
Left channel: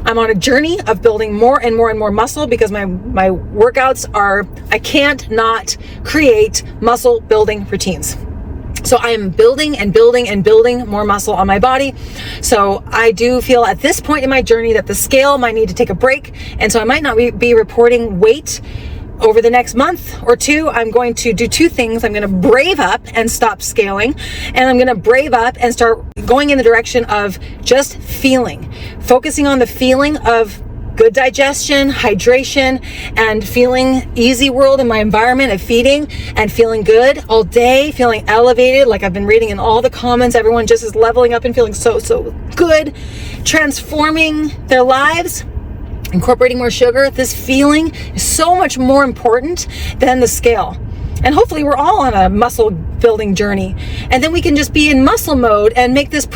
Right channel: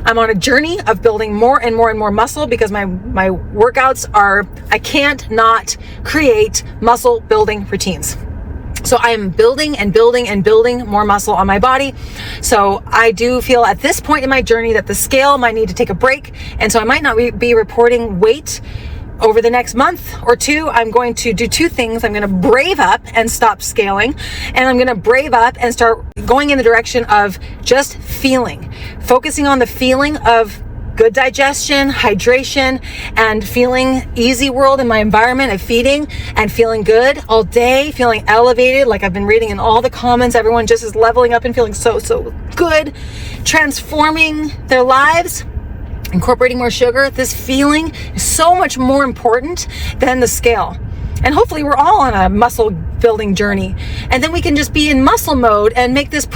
I'm on a journey of building more and more and more muscle, because my workouts I can't not create muscle building routines. So I am building and building and building more muscle on my body. So I do feel at this point in my journey that the scale might need to take a break. And so I might not be reporting weight over the next month or two, I'm going to do two things. I'm going to brave up and stop scaling, and I'm going to brave up and start going in the direction of just feeling, focusing on the feeling of good digestion, hydration, and feeling easy world in my environment of feeding and feeling good all day, feeling elevated. Like I've been reading in all the comments, everyone just is leveling up and feeling so good, transforming their lives, incorporating more sugar. This feeling is so much more important than the scale. And hopefully we're all on a muscle building journey. And then we can just be in muscle mode and make this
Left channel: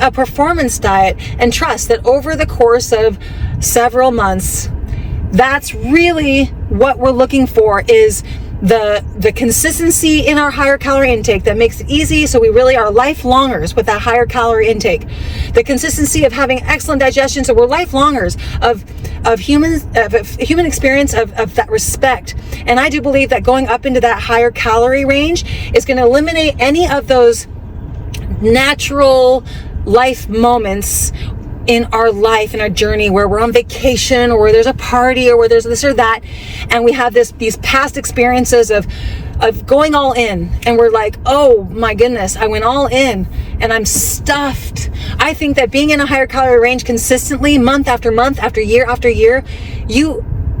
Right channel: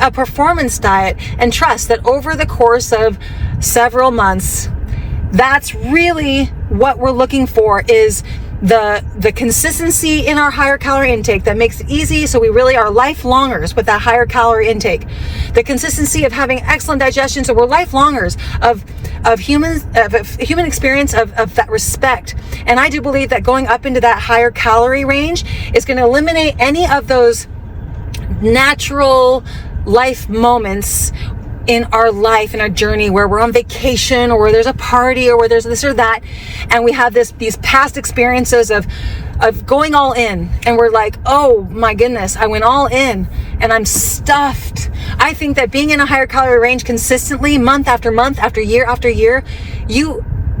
a performance diet and trust that over the course of several months, that's really what we're looking for, is the consistency in our higher calorie intake that makes it easy, so we really are lifelongers with that higher calorie intake. The consistency of having excellent digestion, so we're lifelongers of human experience of that respect. And I do believe that going up into that higher calorie range is going to eliminate any of those natural life moments in our life, in our journey, where we're on vacation or where there's a party or where there's this or that, and we have these past experiences of going all in, and we're like, oh my goodness, I went all in and I'm stuffed. I think that being in a higher calorie range consistently, month after month, after year,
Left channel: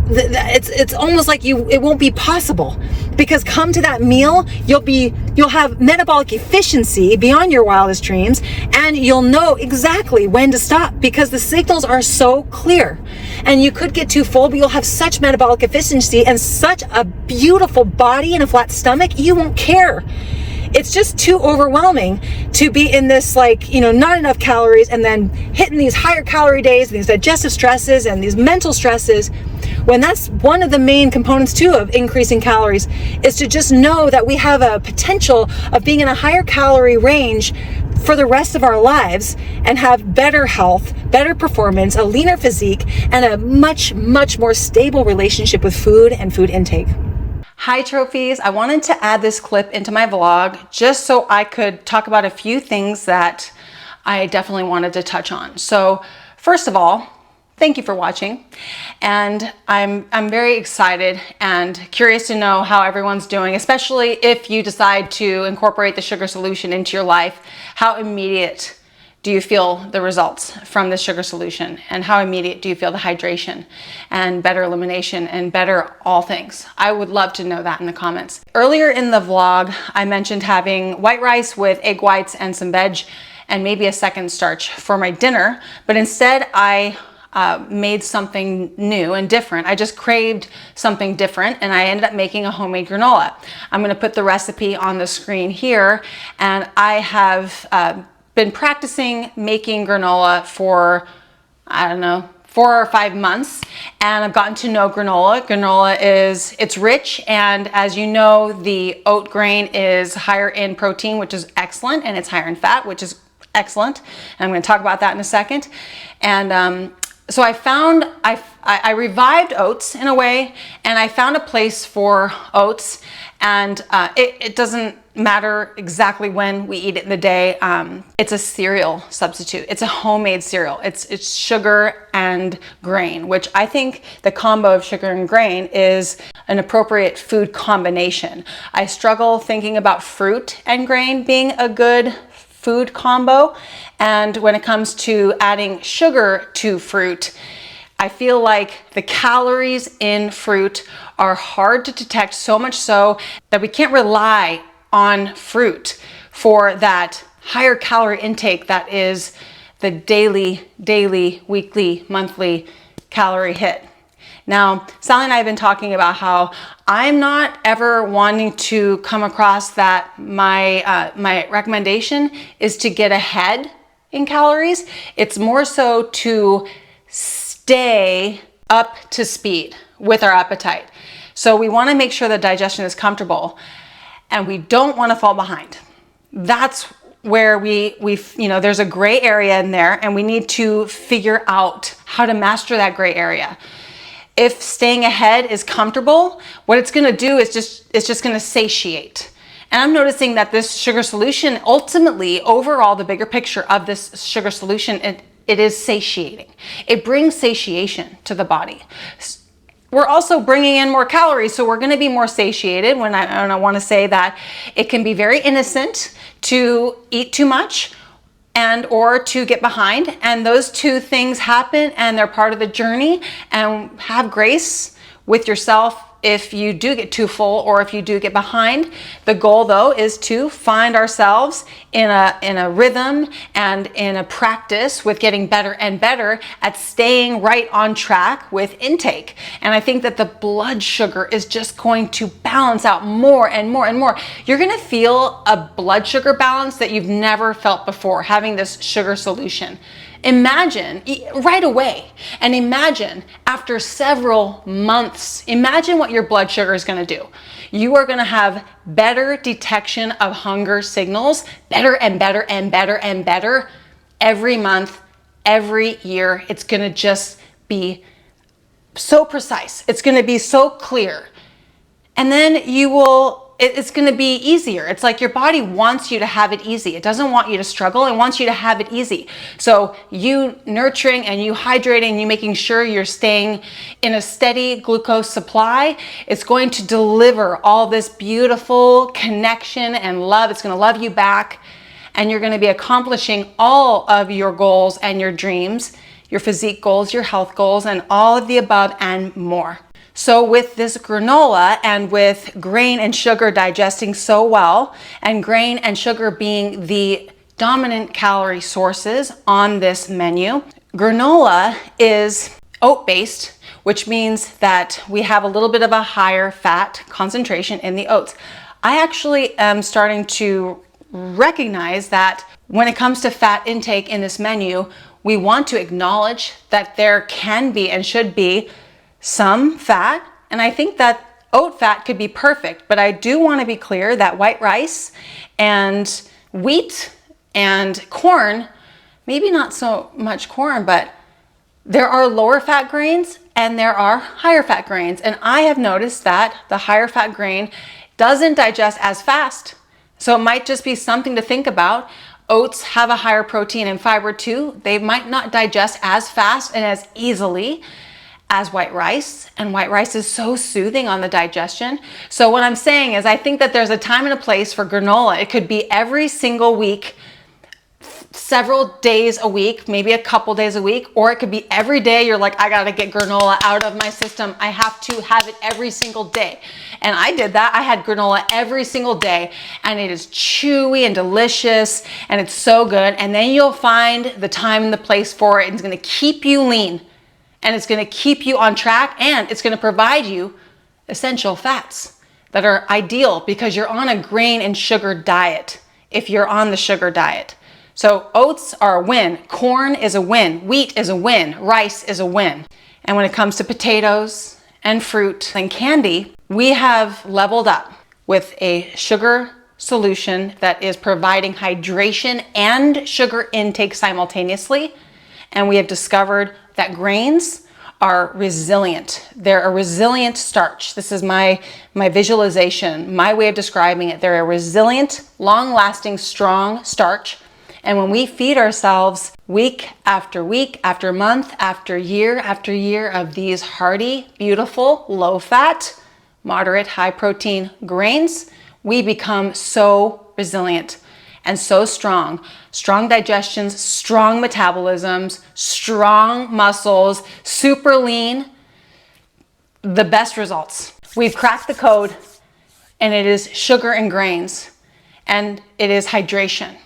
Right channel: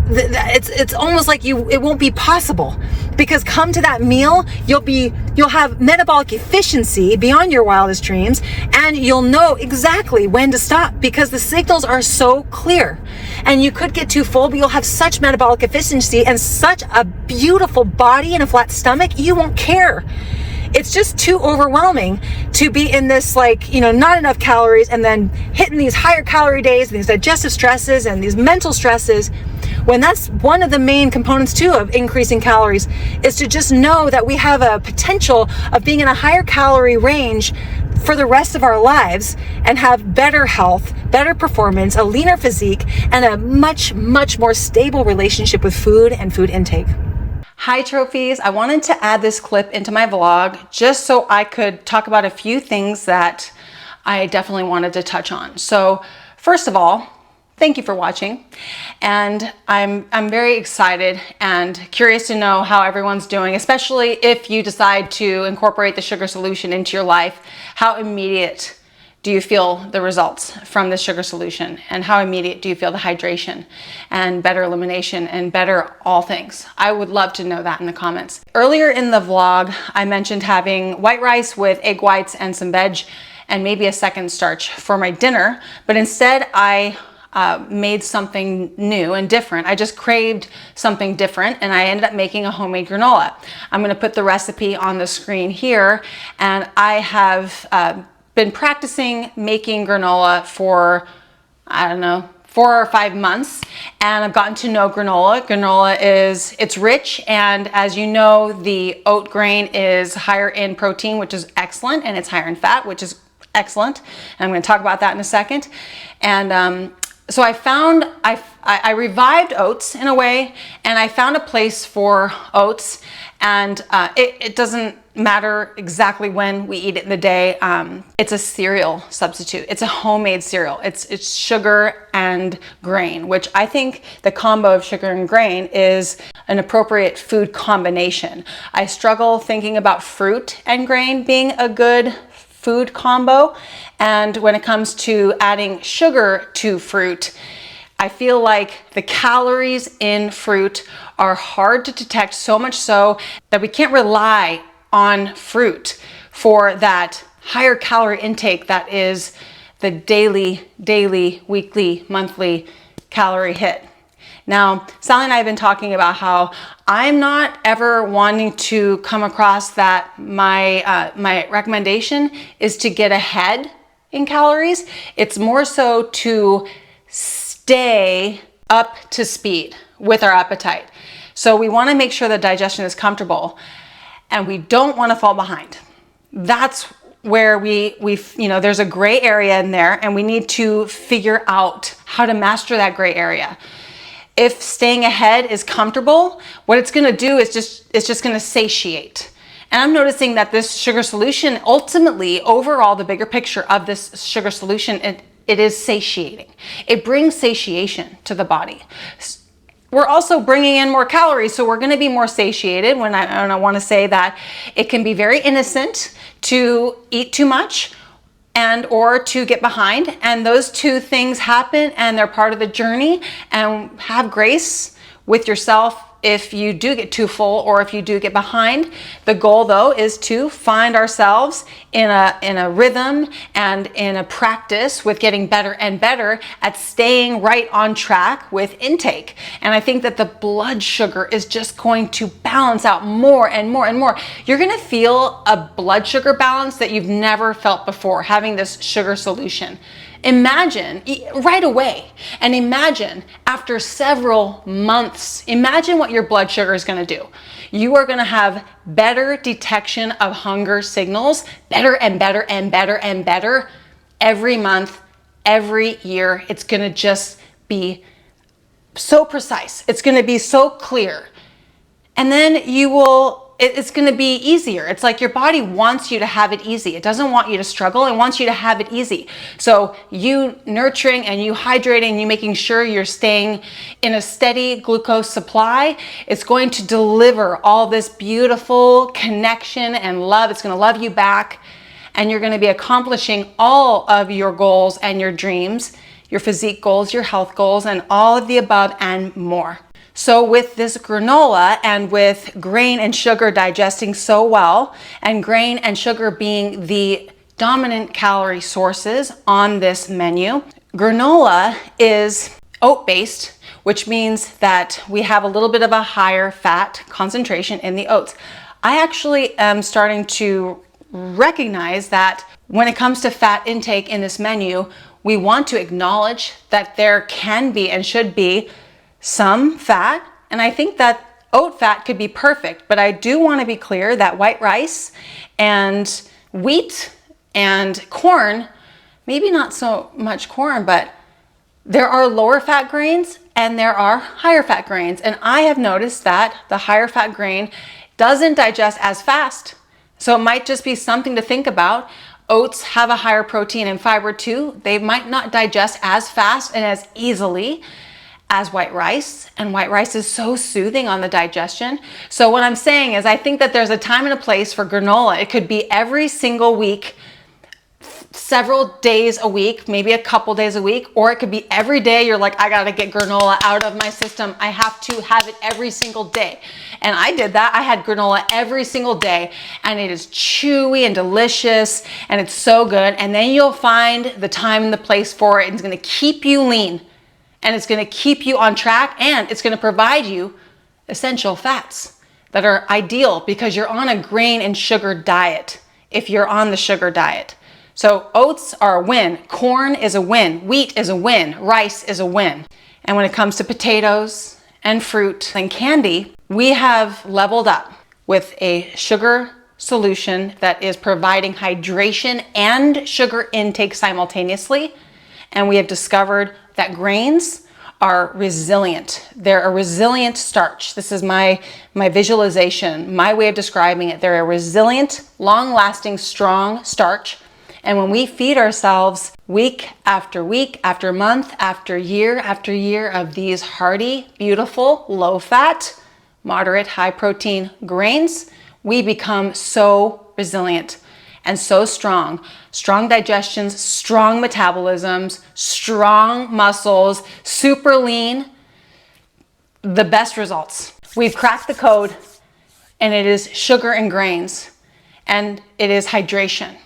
it's almost like it won't be possible, because come to that meal, you'll have metabolic efficiency beyond your wildest dreams, and you'll know exactly when to stop because the signals are so clear. And you could get too full, but you'll have such metabolic efficiency and such a beautiful body and a flat stomach, you won't care. It's just too overwhelming to be in this, not enough calories, and then hitting these higher calorie days, these digestive stresses and these mental stresses, when that's one of the main components too of increasing calories, is to just know that we have a potential of being in a higher calorie range for the rest of our lives and have better health, better performance, a leaner physique, and a much, much more stable relationship with food and food intake. Hi trophies, I wanted to add this clip into my vlog just so I could talk about a few things that I definitely wanted to touch on. So first of all, thank you for watching, and I'm very excited and curious to know how everyone's doing, especially if you decide to incorporate the sugar solution into your life. How immediate do you feel the results from the sugar solution, and how immediate do you feel the hydration and better elimination and better all things? I would love to know that in the comments. Earlier in the vlog, I mentioned having white rice with egg whites and some veg and maybe a second starch for my dinner, but instead I made something new and different. I just craved something different, and I ended up making a homemade granola. I'm gonna put the recipe on the screen here, and I have been practicing making granola for, I don't know, 4 or 5 months, and I've gotten to know granola. Granola it's rich, and as you know, the oat grain is higher in protein, which is excellent, and it's higher in fat, which is excellent. And I'm gonna talk about that in a second. And so I revived oats in a way, and I found a place for oats, and it doesn't matter exactly when we eat it in the day. It's a cereal substitute. It's a homemade cereal. It's sugar and grain, which I think the combo of sugar and grain is an appropriate food combination. I struggle thinking about fruit and grain being a good food combo, and when it comes to adding sugar to fruit, I feel like the calories in fruit are hard to detect, so much so that we can't rely on fruit for that higher calorie intake that is the daily, weekly, monthly calorie hit. Now, Sally and I have been talking about how I'm not ever wanting to come across that my recommendation is to get ahead in calories. It's more so to stay up to speed with our appetite. So we want to make sure that digestion is comfortable, and we don't want to fall behind. That's where there's a gray area in there, and we need to figure out how to master that gray area. If staying ahead is comfortable, what it's going to do is it's just going to satiate. And I'm noticing that this sugar solution, ultimately, overall, the bigger picture of this sugar solution, it is satiating. It brings satiation to the body. we're also bringing in more calories, so we're going to be more satiated. And I want to say that it can be very innocent to eat too much and or to get behind, and those two things happen and they're part of the journey. And have grace with yourself if you do get too full or if you do get behind. The goal though is to find ourselves in a rhythm and in a practice with getting better and better at staying right on track with intake. And I think that the blood sugar is just going to balance out more and more and more. You're gonna feel a blood sugar balance that you've never felt before having this sugar solution. Imagine right away, and imagine after several months, imagine what your blood sugar is going to do. You are going to have better detection of hunger signals, better and better and better and better every month, every year. It's going to just be so precise. It's going to be so clear. And then it's going to be easier. It's like your body wants you to have it easy. It doesn't want you to struggle. It wants you to have it easy. So you nurturing and you hydrating, you making sure you're staying in a steady glucose supply, it's going to deliver all this beautiful connection and love. It's going to love you back, and you're going to be accomplishing all of your goals and your dreams, your physique goals, your health goals, and all of the above and more. So with this granola, and with grain and sugar digesting so well, and grain and sugar being the dominant calorie sources on this menu, granola is oat-based, which means that we have a little bit of a higher fat concentration in the oats. I actually am starting to recognize that when it comes to fat intake in this menu, we want to acknowledge that there can be and should be some fat, and I think that oat fat could be perfect, but I do want to be clear that white rice and wheat and corn, maybe not so much corn, but there are lower fat grains and there are higher fat grains, and I have noticed that the higher fat grain doesn't digest as fast. So it might just be something to think about. Oats have a higher protein and fiber too. They might not digest as fast and as easily as white rice, and white rice is so soothing on the digestion. So what I'm saying is I think that there's a time and a place for granola. It could be every single week, several days a week, maybe a couple days a week, or it could be every day. You're like, I gotta get granola out of my system. I have to have it every single day. And I did that. I had granola every single day, and it is chewy and delicious, and it's so good. And then you'll find the time and the place for it, and it's gonna keep you lean, and it's going to keep you on track, and it's going to provide you essential fats that are ideal because you're on a grain and sugar diet if you're on the sugar diet. So oats are a win, corn is a win, wheat is a win, rice is a win. And when it comes to potatoes and fruit and candy, we have leveled up with a sugar solution that is providing hydration and sugar intake simultaneously. And we have discovered that grains are resilient. They're a resilient starch. This is my visualization, my way of describing it. They're a resilient, long-lasting, strong starch. And when we feed ourselves week after month after year of these hearty, beautiful, low-fat, moderate, high-protein grains, we become so resilient and so strong. Strong digestions, strong metabolisms, strong muscles, super lean, the best results. We've cracked the code, and it is sugar and grains, and it is hydration.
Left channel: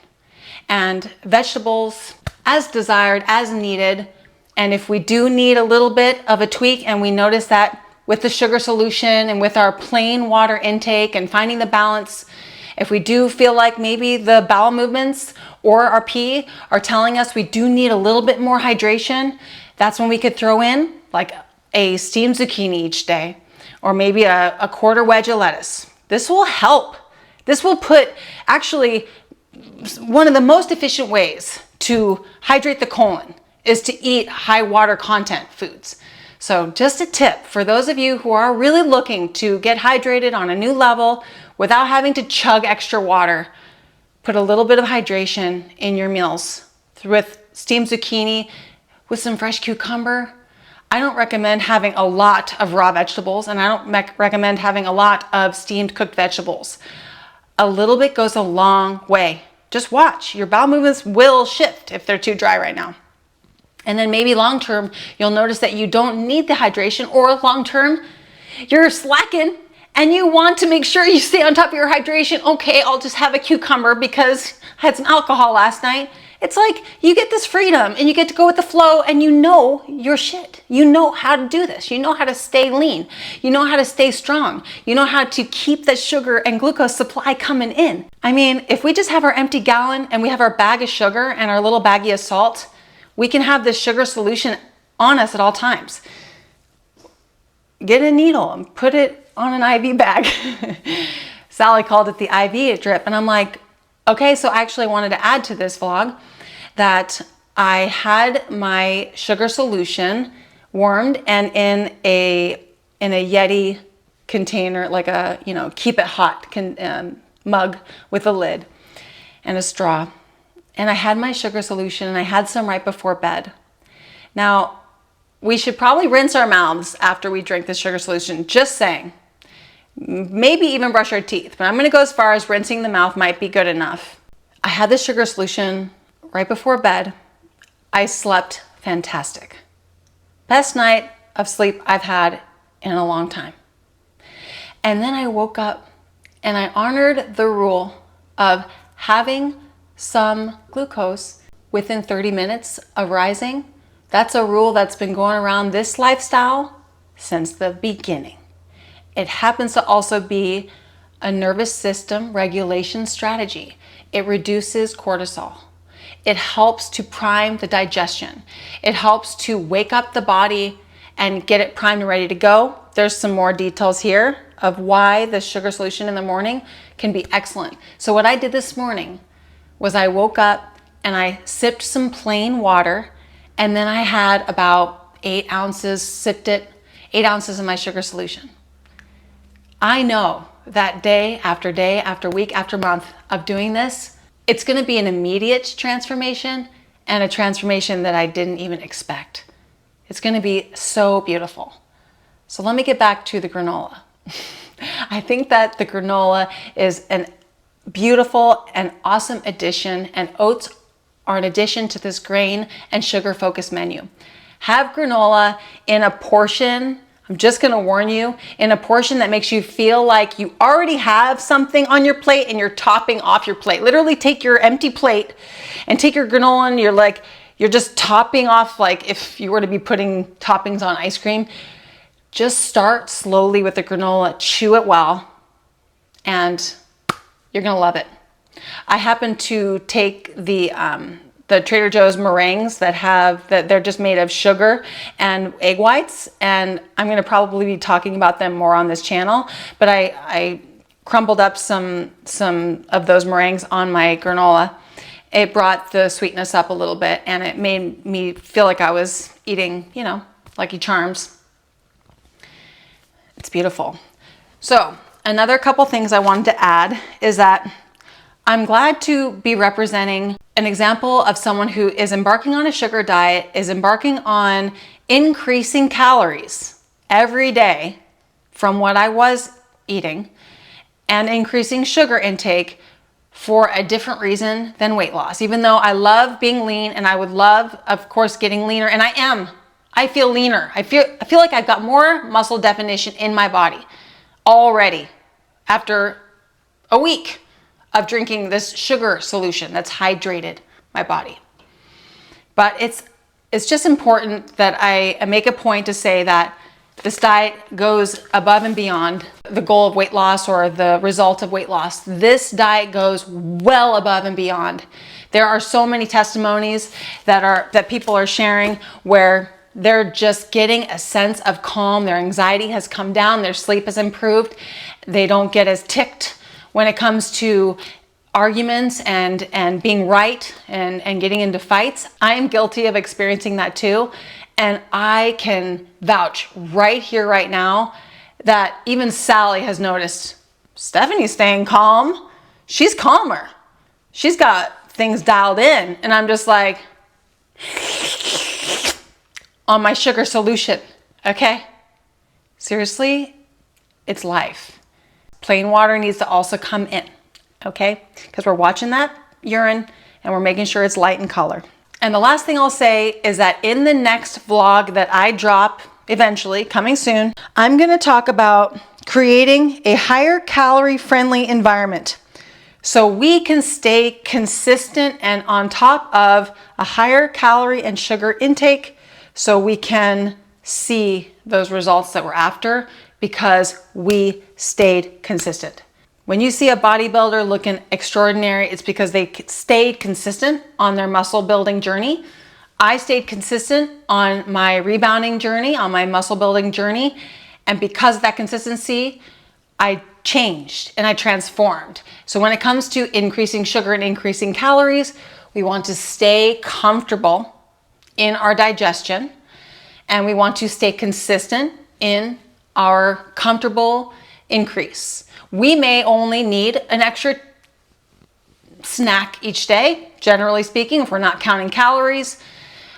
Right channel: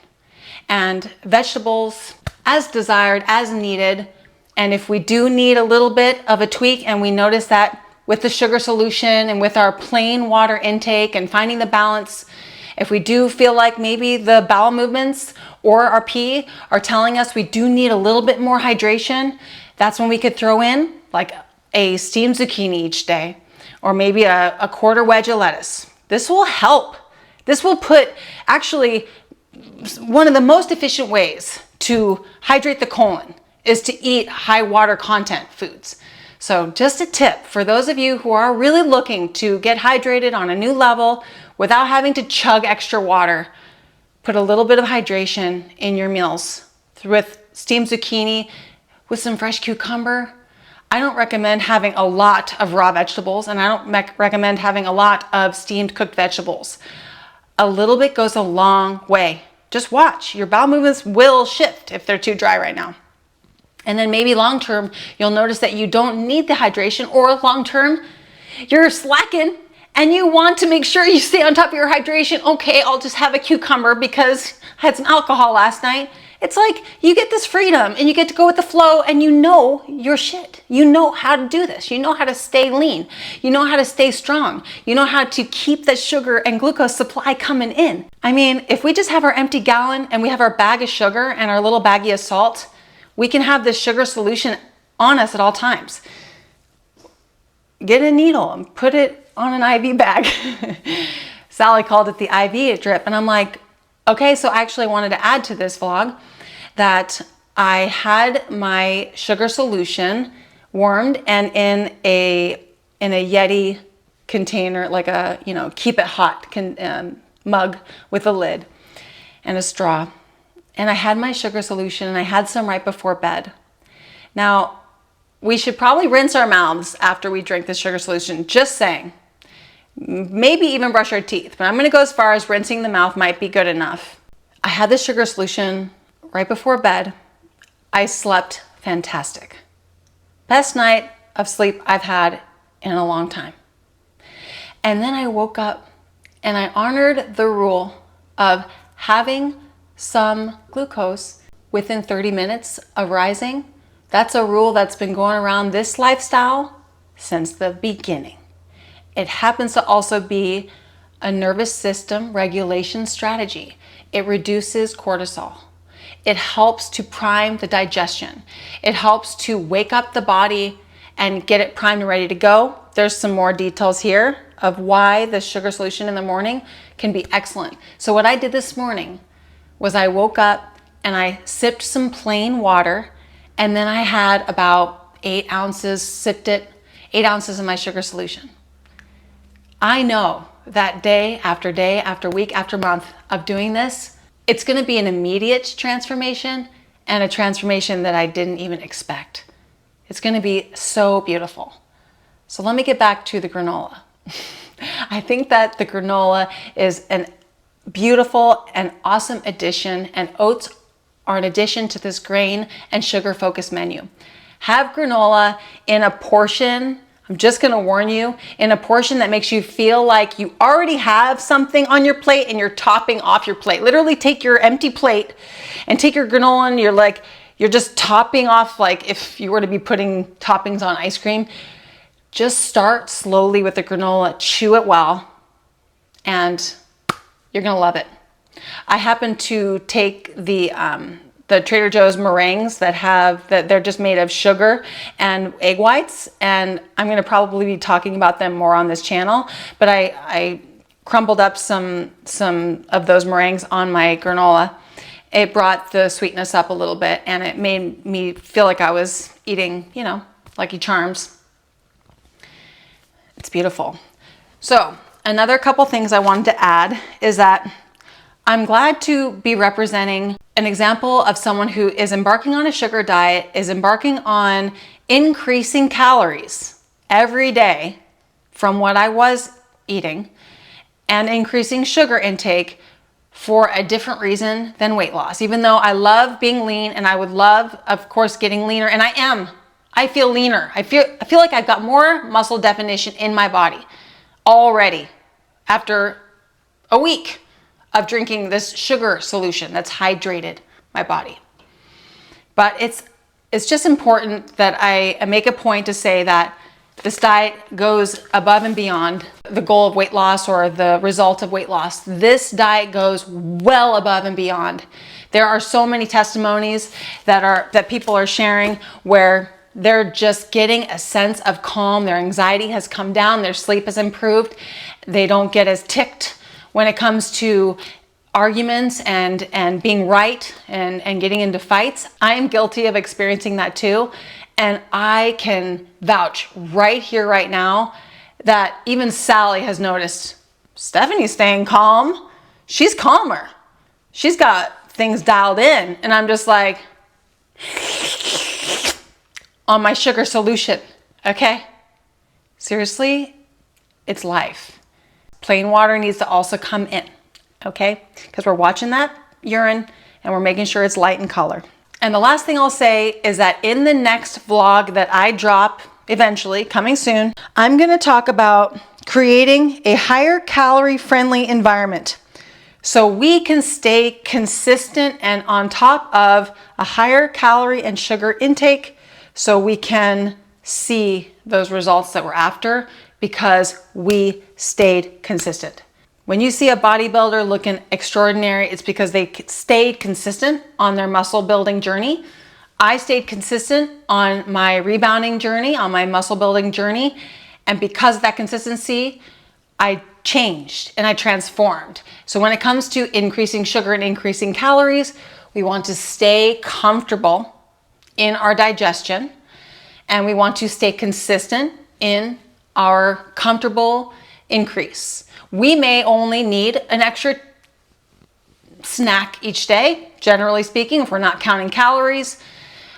And vegetables as desired, as needed. And if we do need a little bit of a tweak, and we notice that with the sugar solution and with our plain water intake and finding the balance, if we do feel like maybe the bowel movements or our pee are telling us we do need a little bit more hydration, that's when we could throw in like a steamed zucchini each day, or maybe a quarter wedge of lettuce. This will help. This will put, actually, one of the most efficient ways to hydrate the colon is to eat high water content foods. So just a tip for those of you who are really looking to get hydrated on a new level without having to chug extra water, put a little bit of hydration in your meals with steamed zucchini with some fresh cucumber. I don't recommend having a lot of raw vegetables, and I don't recommend having a lot of steamed cooked vegetables. A little bit goes a long way. Just watch. Your bowel movements will shift if they're too dry right now. And then maybe long term, you'll notice that you don't need the hydration, or long term, you're slacking and you want to make sure you stay on top of your hydration. Okay, I'll just have a cucumber because I had some alcohol last night. It's like you get this freedom and you get to go with the flow, and you know your shit. You know how to do this. You know how to stay lean. You know how to stay strong. You know how to keep the sugar and glucose supply coming in. I mean, if we just have our empty gallon and we have our bag of sugar and our little baggie of salt, we can have this sugar solution on us at all times. Get a needle and put it on an IV bag. Sally called it the IV drip. And I'm like, okay, so I actually wanted to add to this vlog that I had my sugar solution warmed and in a Yeti container, like a, keep it hot mug with a lid and a straw. And I had my sugar solution, and I had some right before bed. Now, we should probably rinse our mouths after we drink the sugar solution, just saying. Maybe even brush our teeth, but I'm gonna go as far as rinsing the mouth might be good enough. I had the sugar solution right before bed. I slept fantastic. Best night of sleep I've had in a long time. And then I woke up and I honored the rule of having some glucose within 30 minutes of rising. That's a rule that's been going around this lifestyle since the beginning. It happens to also be a nervous system regulation strategy. It reduces cortisol. It helps to prime the digestion. It helps to wake up the body and get it primed and ready to go. There's some more details here of why the sugar solution in the morning can be excellent. So what I did this morning was I woke up and I sipped some plain water, and then I had about 8 ounces, 8 ounces of my sugar solution. I know that day after week after month of doing this, it's gonna be an immediate transformation, and a transformation that I didn't even expect. It's gonna be so beautiful. So let me get back to the granola. I think that the granola is an beautiful and awesome addition, and oats are an addition to this grain and sugar focused menu. Have granola in a portion, I'm just gonna warn you, in a portion that makes you feel like you already have something on your plate and you're topping off your plate. Literally take your empty plate and take your granola and you're just topping off, like if you were to be putting toppings on ice cream. Just start slowly with the granola, chew it well, and you're gonna love it. I happen to take the Trader Joe's meringues that they're just made of sugar and egg whites, and I'm gonna probably be talking about them more on this channel, but I crumbled up some of those meringues on my granola. It brought the sweetness up a little bit, and it made me feel like I was eating, Lucky Charms. It's beautiful. So another couple things I wanted to add is that I'm glad to be representing an example of someone who is embarking on a sugar diet, is embarking on increasing calories every day from what I was eating, and increasing sugar intake for a different reason than weight loss. Even though I love being lean, and I would love, of course, getting leaner, and I am. I feel leaner. I feel like I've got more muscle definition in my body already after a week of drinking this sugar solution that's hydrated my body. But it's just important that I make a point to say that this diet goes above and beyond the goal of weight loss or the result of weight loss. This diet goes well above and beyond. There are so many testimonies that people are sharing where they're just getting a sense of calm. Their anxiety has come down. Their sleep has improved. They don't get as ticked when it comes to arguments and being right and getting into fights. I am guilty of experiencing that too. And I can vouch right here, right now, that even Sally has noticed Stephanie's staying calm. She's calmer. She's got things dialed in. And I'm just like, on my sugar solution, okay? Seriously, it's life. Plain water needs to also come in, okay? Because we're watching that urine and we're making sure it's light in color. And the last thing I'll say is that in the next vlog that I drop eventually, coming soon, I'm gonna talk about creating a higher calorie friendly environment so we can stay consistent and on top of a higher calorie and sugar intake so we can see those results that we're after because we stayed consistent. When you see a bodybuilder looking extraordinary, it's because they stayed consistent on their muscle building journey. I stayed consistent on my rebounding journey, on my muscle building journey. And because of that consistency, I changed and I transformed. So when it comes to increasing sugar and increasing calories, we want to stay comfortable in our digestion and we want to stay consistent in our comfortable increase. We may only need an extra snack each day, generally speaking, if we're not counting calories.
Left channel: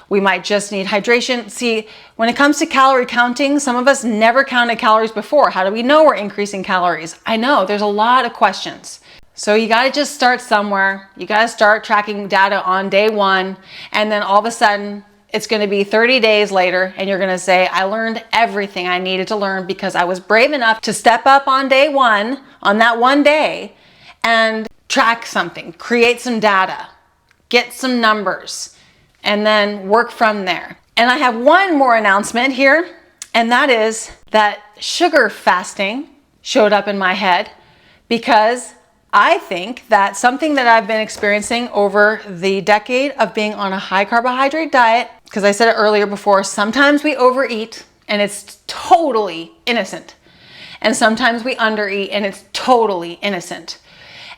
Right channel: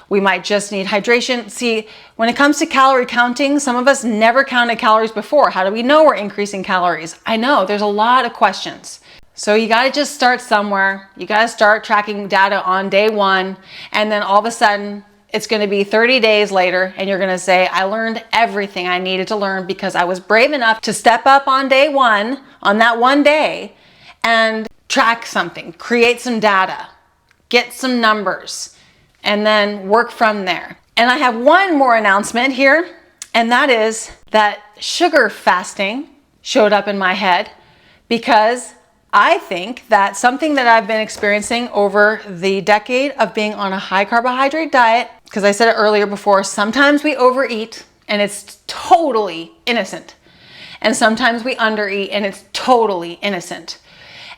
We might just need hydration. See, when it comes to calorie counting, some of us never counted calories before. How do we know we're increasing calories? I know there's a lot of questions. So you gotta just start somewhere. You gotta start tracking data on day one, and then all of a sudden, it's gonna be 30 days later, and you're gonna say, I learned everything I needed to learn because I was brave enough to step up on day one, on that one day, and track something, create some data, get some numbers, and then work from there. And I have one more announcement here, and that is that sugar fasting showed up in my head because I think that something that I've been experiencing over the decade of being on a high carbohydrate diet, because I said it earlier before, sometimes we overeat and it's totally innocent. And sometimes we undereat and it's totally innocent.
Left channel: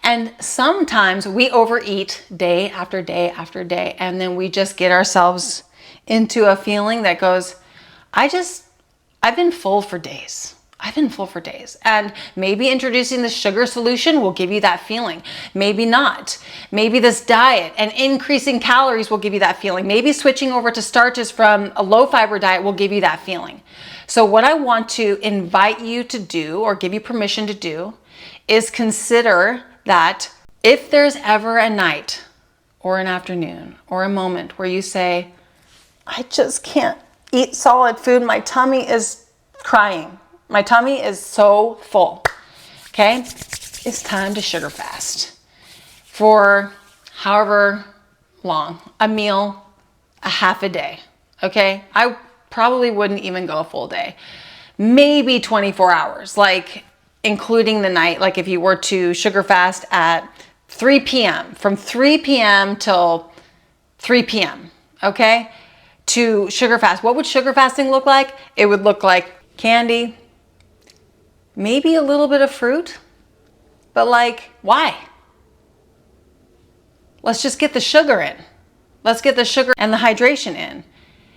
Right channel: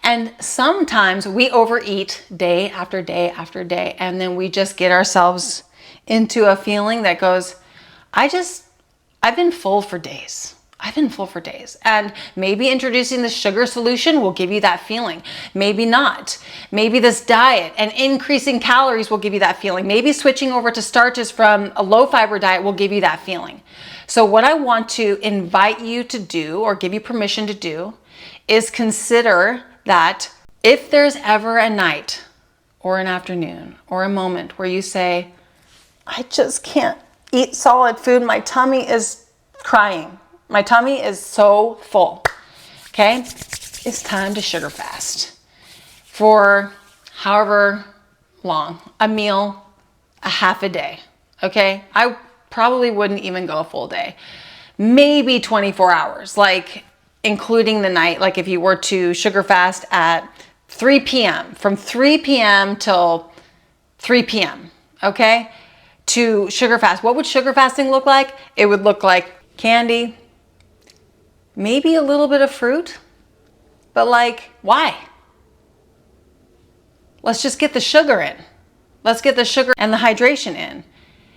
And sometimes we overeat day after day after day, and then we just get ourselves into a feeling that goes, I've been full for days. I've been full for days. And maybe introducing the sugar solution will give you that feeling. Maybe not. Maybe this diet and increasing calories will give you that feeling. Maybe switching over to starches from a low fiber diet will give you that feeling. So what I want to invite you to do, or give you permission to do, is consider that if there's ever a night or an afternoon or a moment where you say, I just can't eat solid food, my tummy is crying, my tummy is so full, okay? It's time to sugar fast for however long, a meal, a half a day, okay? I probably wouldn't even go a full day, maybe 24 hours, like including the night. Like if you were to sugar fast at 3 p.m., from 3 p.m. till 3 p.m., okay? To sugar fast. What would sugar fasting look like? It would look like candy, maybe a little bit of fruit, but like, why? Let's just get the sugar in. Let's get the sugar and the hydration in.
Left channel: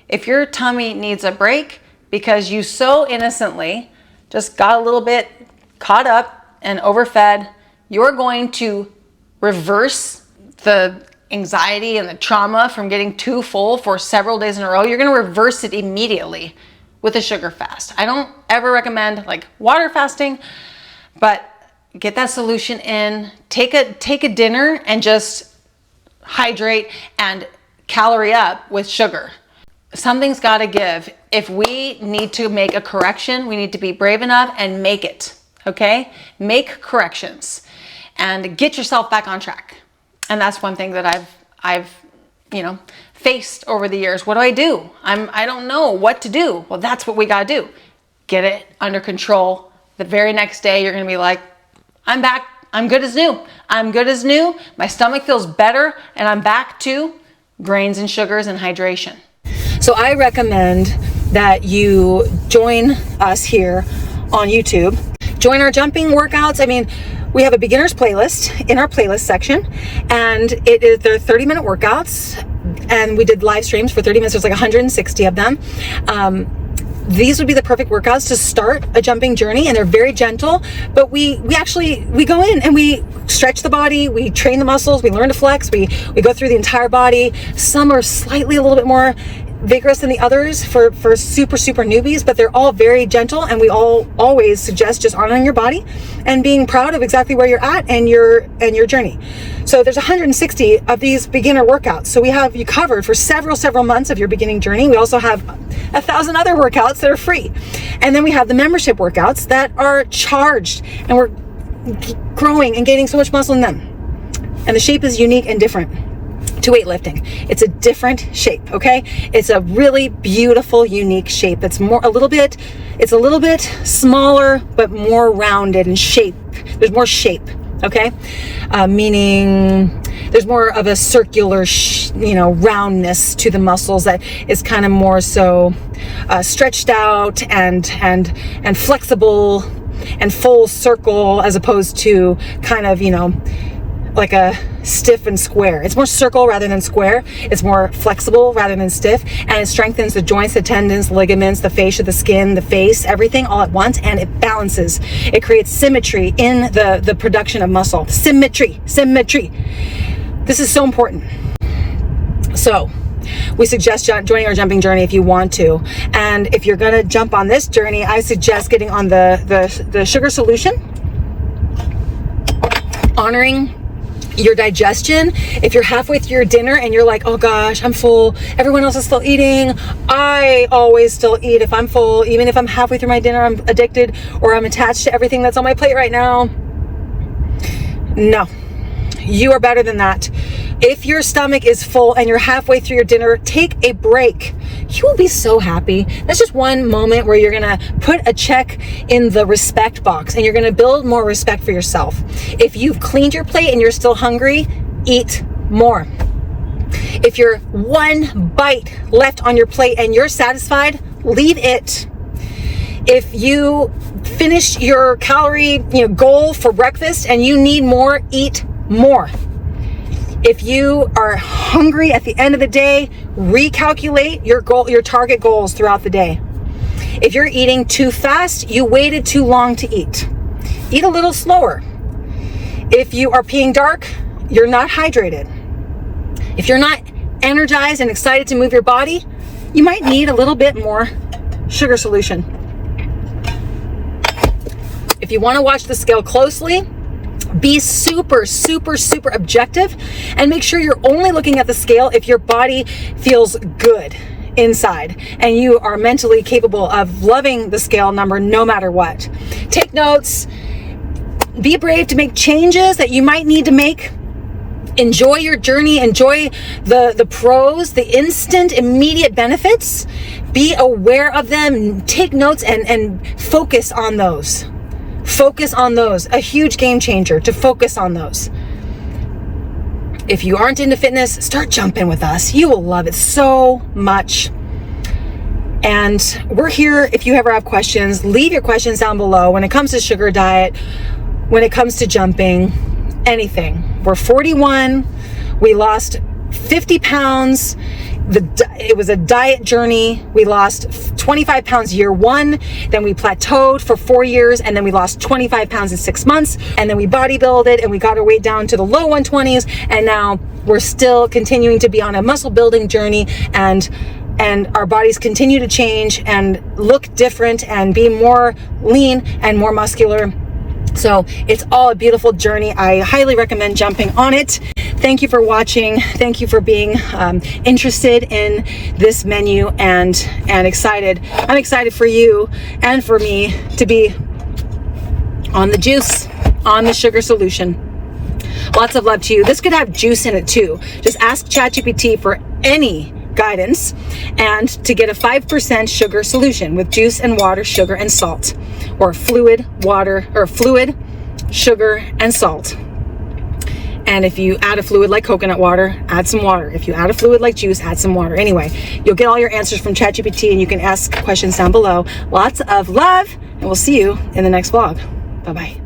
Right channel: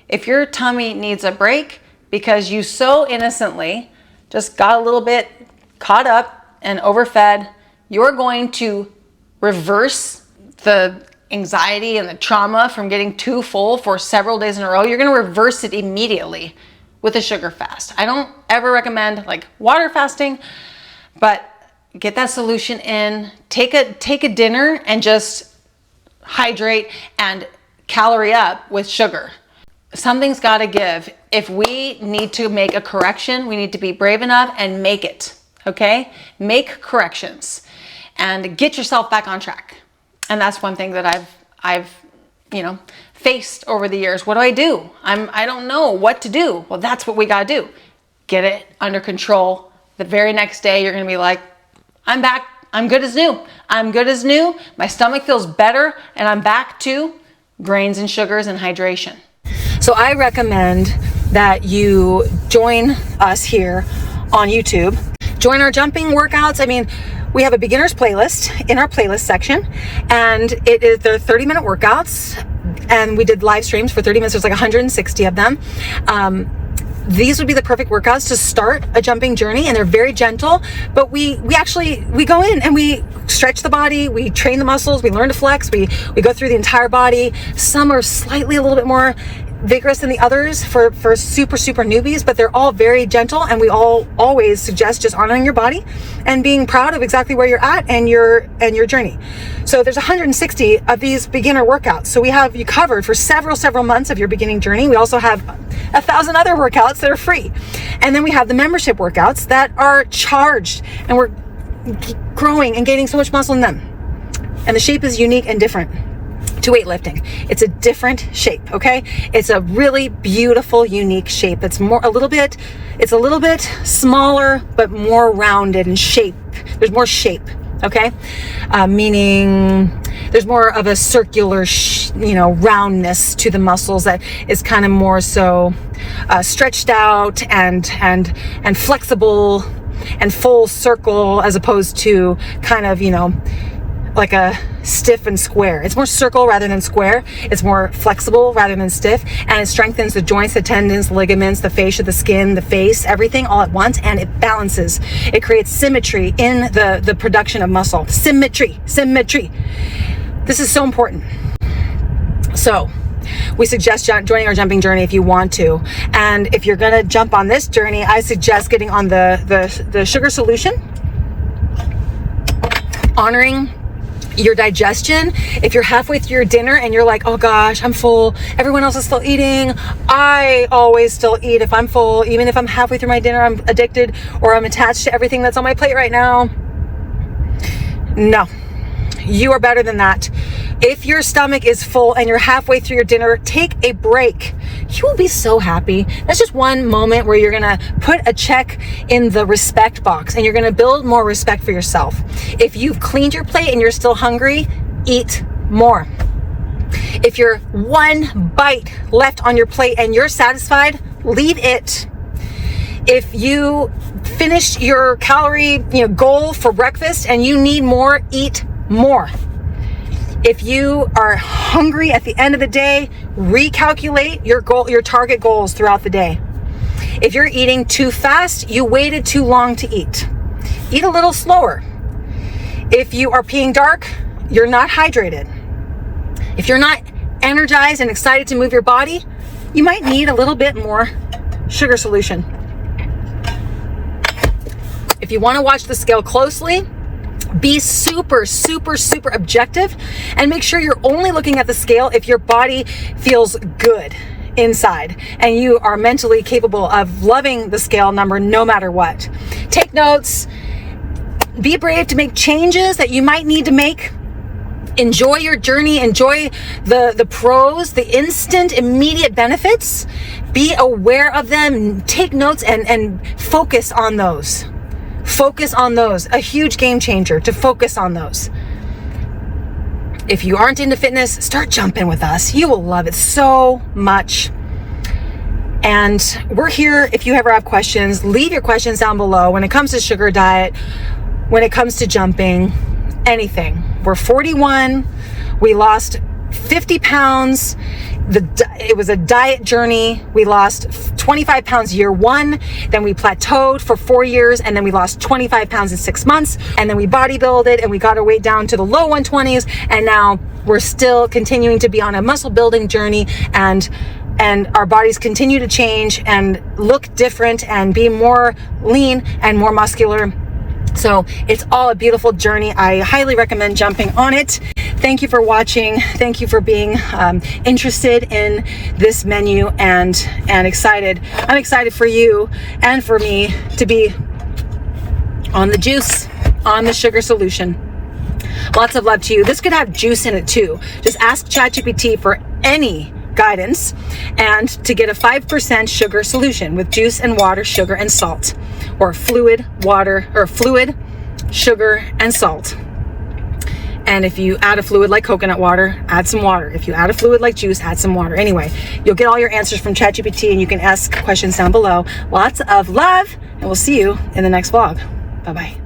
If your tummy needs a break because you so innocently just got a little bit caught up and overfed, you're going to reverse the anxiety and the trauma from getting too full for several days in a row. You're going to reverse it immediately with a sugar fast. I don't ever recommend like water fasting, but get that solution in. Take a dinner and just hydrate and calorie up with sugar. Something's got to give. If we need to make a correction, we need to be brave enough and make it. Okay? Make corrections and get yourself back on track. And that's one thing that I've faced over the years. What do? I don't know what to do. Well, that's what we got to do. Get it under control. The very next day, you're going to be like, I'm back. I'm good as new. I'm good as new. My stomach feels better and I'm back to grains and sugars and hydration. So I recommend that you join us here on YouTube. Join our jumping workouts. I mean, we have a beginner's playlist in our playlist section, and they're 30-minute workouts, and we did live streams for 30 minutes. There's like 160 of them. These would be the perfect workouts to start a jumping journey, and they're very gentle, but we go in and we stretch the body, we train the muscles, we learn to flex, we go through the entire body. Some are slightly a little bit more vigorous than the others for super newbies, but they're all very gentle, and we all always suggest just honoring your body and being proud of exactly where you're at and your journey. So there's 160 of these beginner workouts. So we have you covered for several months of your beginning journey. We also have 1,000 other workouts that are free. And then we have the membership workouts that are charged, and we're growing and gaining so much muscle in them. And the shape is unique and different to weightlifting. It's a different shape, okay? It's a really beautiful, unique shape. It's a little bit smaller, but more rounded in shape. There's more shape, okay? Meaning there's more of a circular, roundness to the muscles that is kind of more so stretched out and flexible and full circle, as opposed to kind of, like a stiff and square. It's more circle rather than square. It's more flexible rather than stiff, and it strengthens the joints, the tendons, ligaments, the fascia, the skin, the face, everything all at once, and it balances. It creates symmetry in the production of muscle. Symmetry. This is so important. So we suggest joining our jumping journey if you want to. And if you're gonna jump on this journey, I suggest getting on the sugar solution, honoring your digestion. If you're halfway through your dinner and you're like, oh gosh, I'm full, everyone else is still eating, I always still eat if I'm full. Even if I'm halfway through my dinner, I'm addicted or I'm attached to everything that's on my plate right now. No, you are better than that. If your stomach is full and you're halfway through your dinner, take a break. You will be so happy. That's just one moment where you're gonna put a check in the respect box, and you're gonna build more respect for yourself. If you've cleaned your plate and you're still hungry, eat more. If you're one bite left on your plate and you're satisfied, leave it. If you finish your calorie goal for breakfast and you need more, eat more. If you are hungry at the end of the day, recalculate your target goals throughout the day. If you're eating too fast, you waited too long to eat. Eat a little slower. If you are peeing dark, you're not hydrated. If you're not energized and excited to move your body, you might need a little bit more sugar solution. If you want to watch the scale closely, be super objective and make sure you're only looking at the scale if your body feels good inside and you are mentally capable of loving the scale number no matter what. Take notes. Be brave to make changes that you might need to make. Enjoy your journey. Enjoy the pros, the instant, immediate benefits. Be aware of them. Take notes and focus on those. Focus on those. A huge game changer to focus on those. If you aren't into fitness, start jumping with us. You will love it so much. And we're here if you ever have questions. Leave your questions down below when it comes to sugar diet, when it comes to jumping, anything. We're 41. We lost 50 pounds. It was a diet journey. We lost 25 pounds year one, then we plateaued for 4 years, and then we lost 25 pounds in 6 months, and then we bodybuilded and we got our way down to the low 120s, and now we're still continuing to be on a muscle building journey, and our bodies continue to change and look different and be more lean and more muscular. So it's all a beautiful journey. I highly recommend jumping on it. Thank you for watching. Thank you for being interested in this menu and excited. I'm excited for you and for me to be on the juice, on the sugar solution. Lots of love to you. This could have juice in it too. Just ask ChatGPT for any guidance and to get a 5% sugar solution with juice and water, sugar and salt, or fluid, water, or fluid, sugar and salt. And if you add a fluid like coconut water, add some water. If you add a fluid like juice, add some water. Anyway, you'll get all your answers from ChatGPT, and you can ask questions down below. Lots of love, and we'll see you in the next vlog. Bye-bye.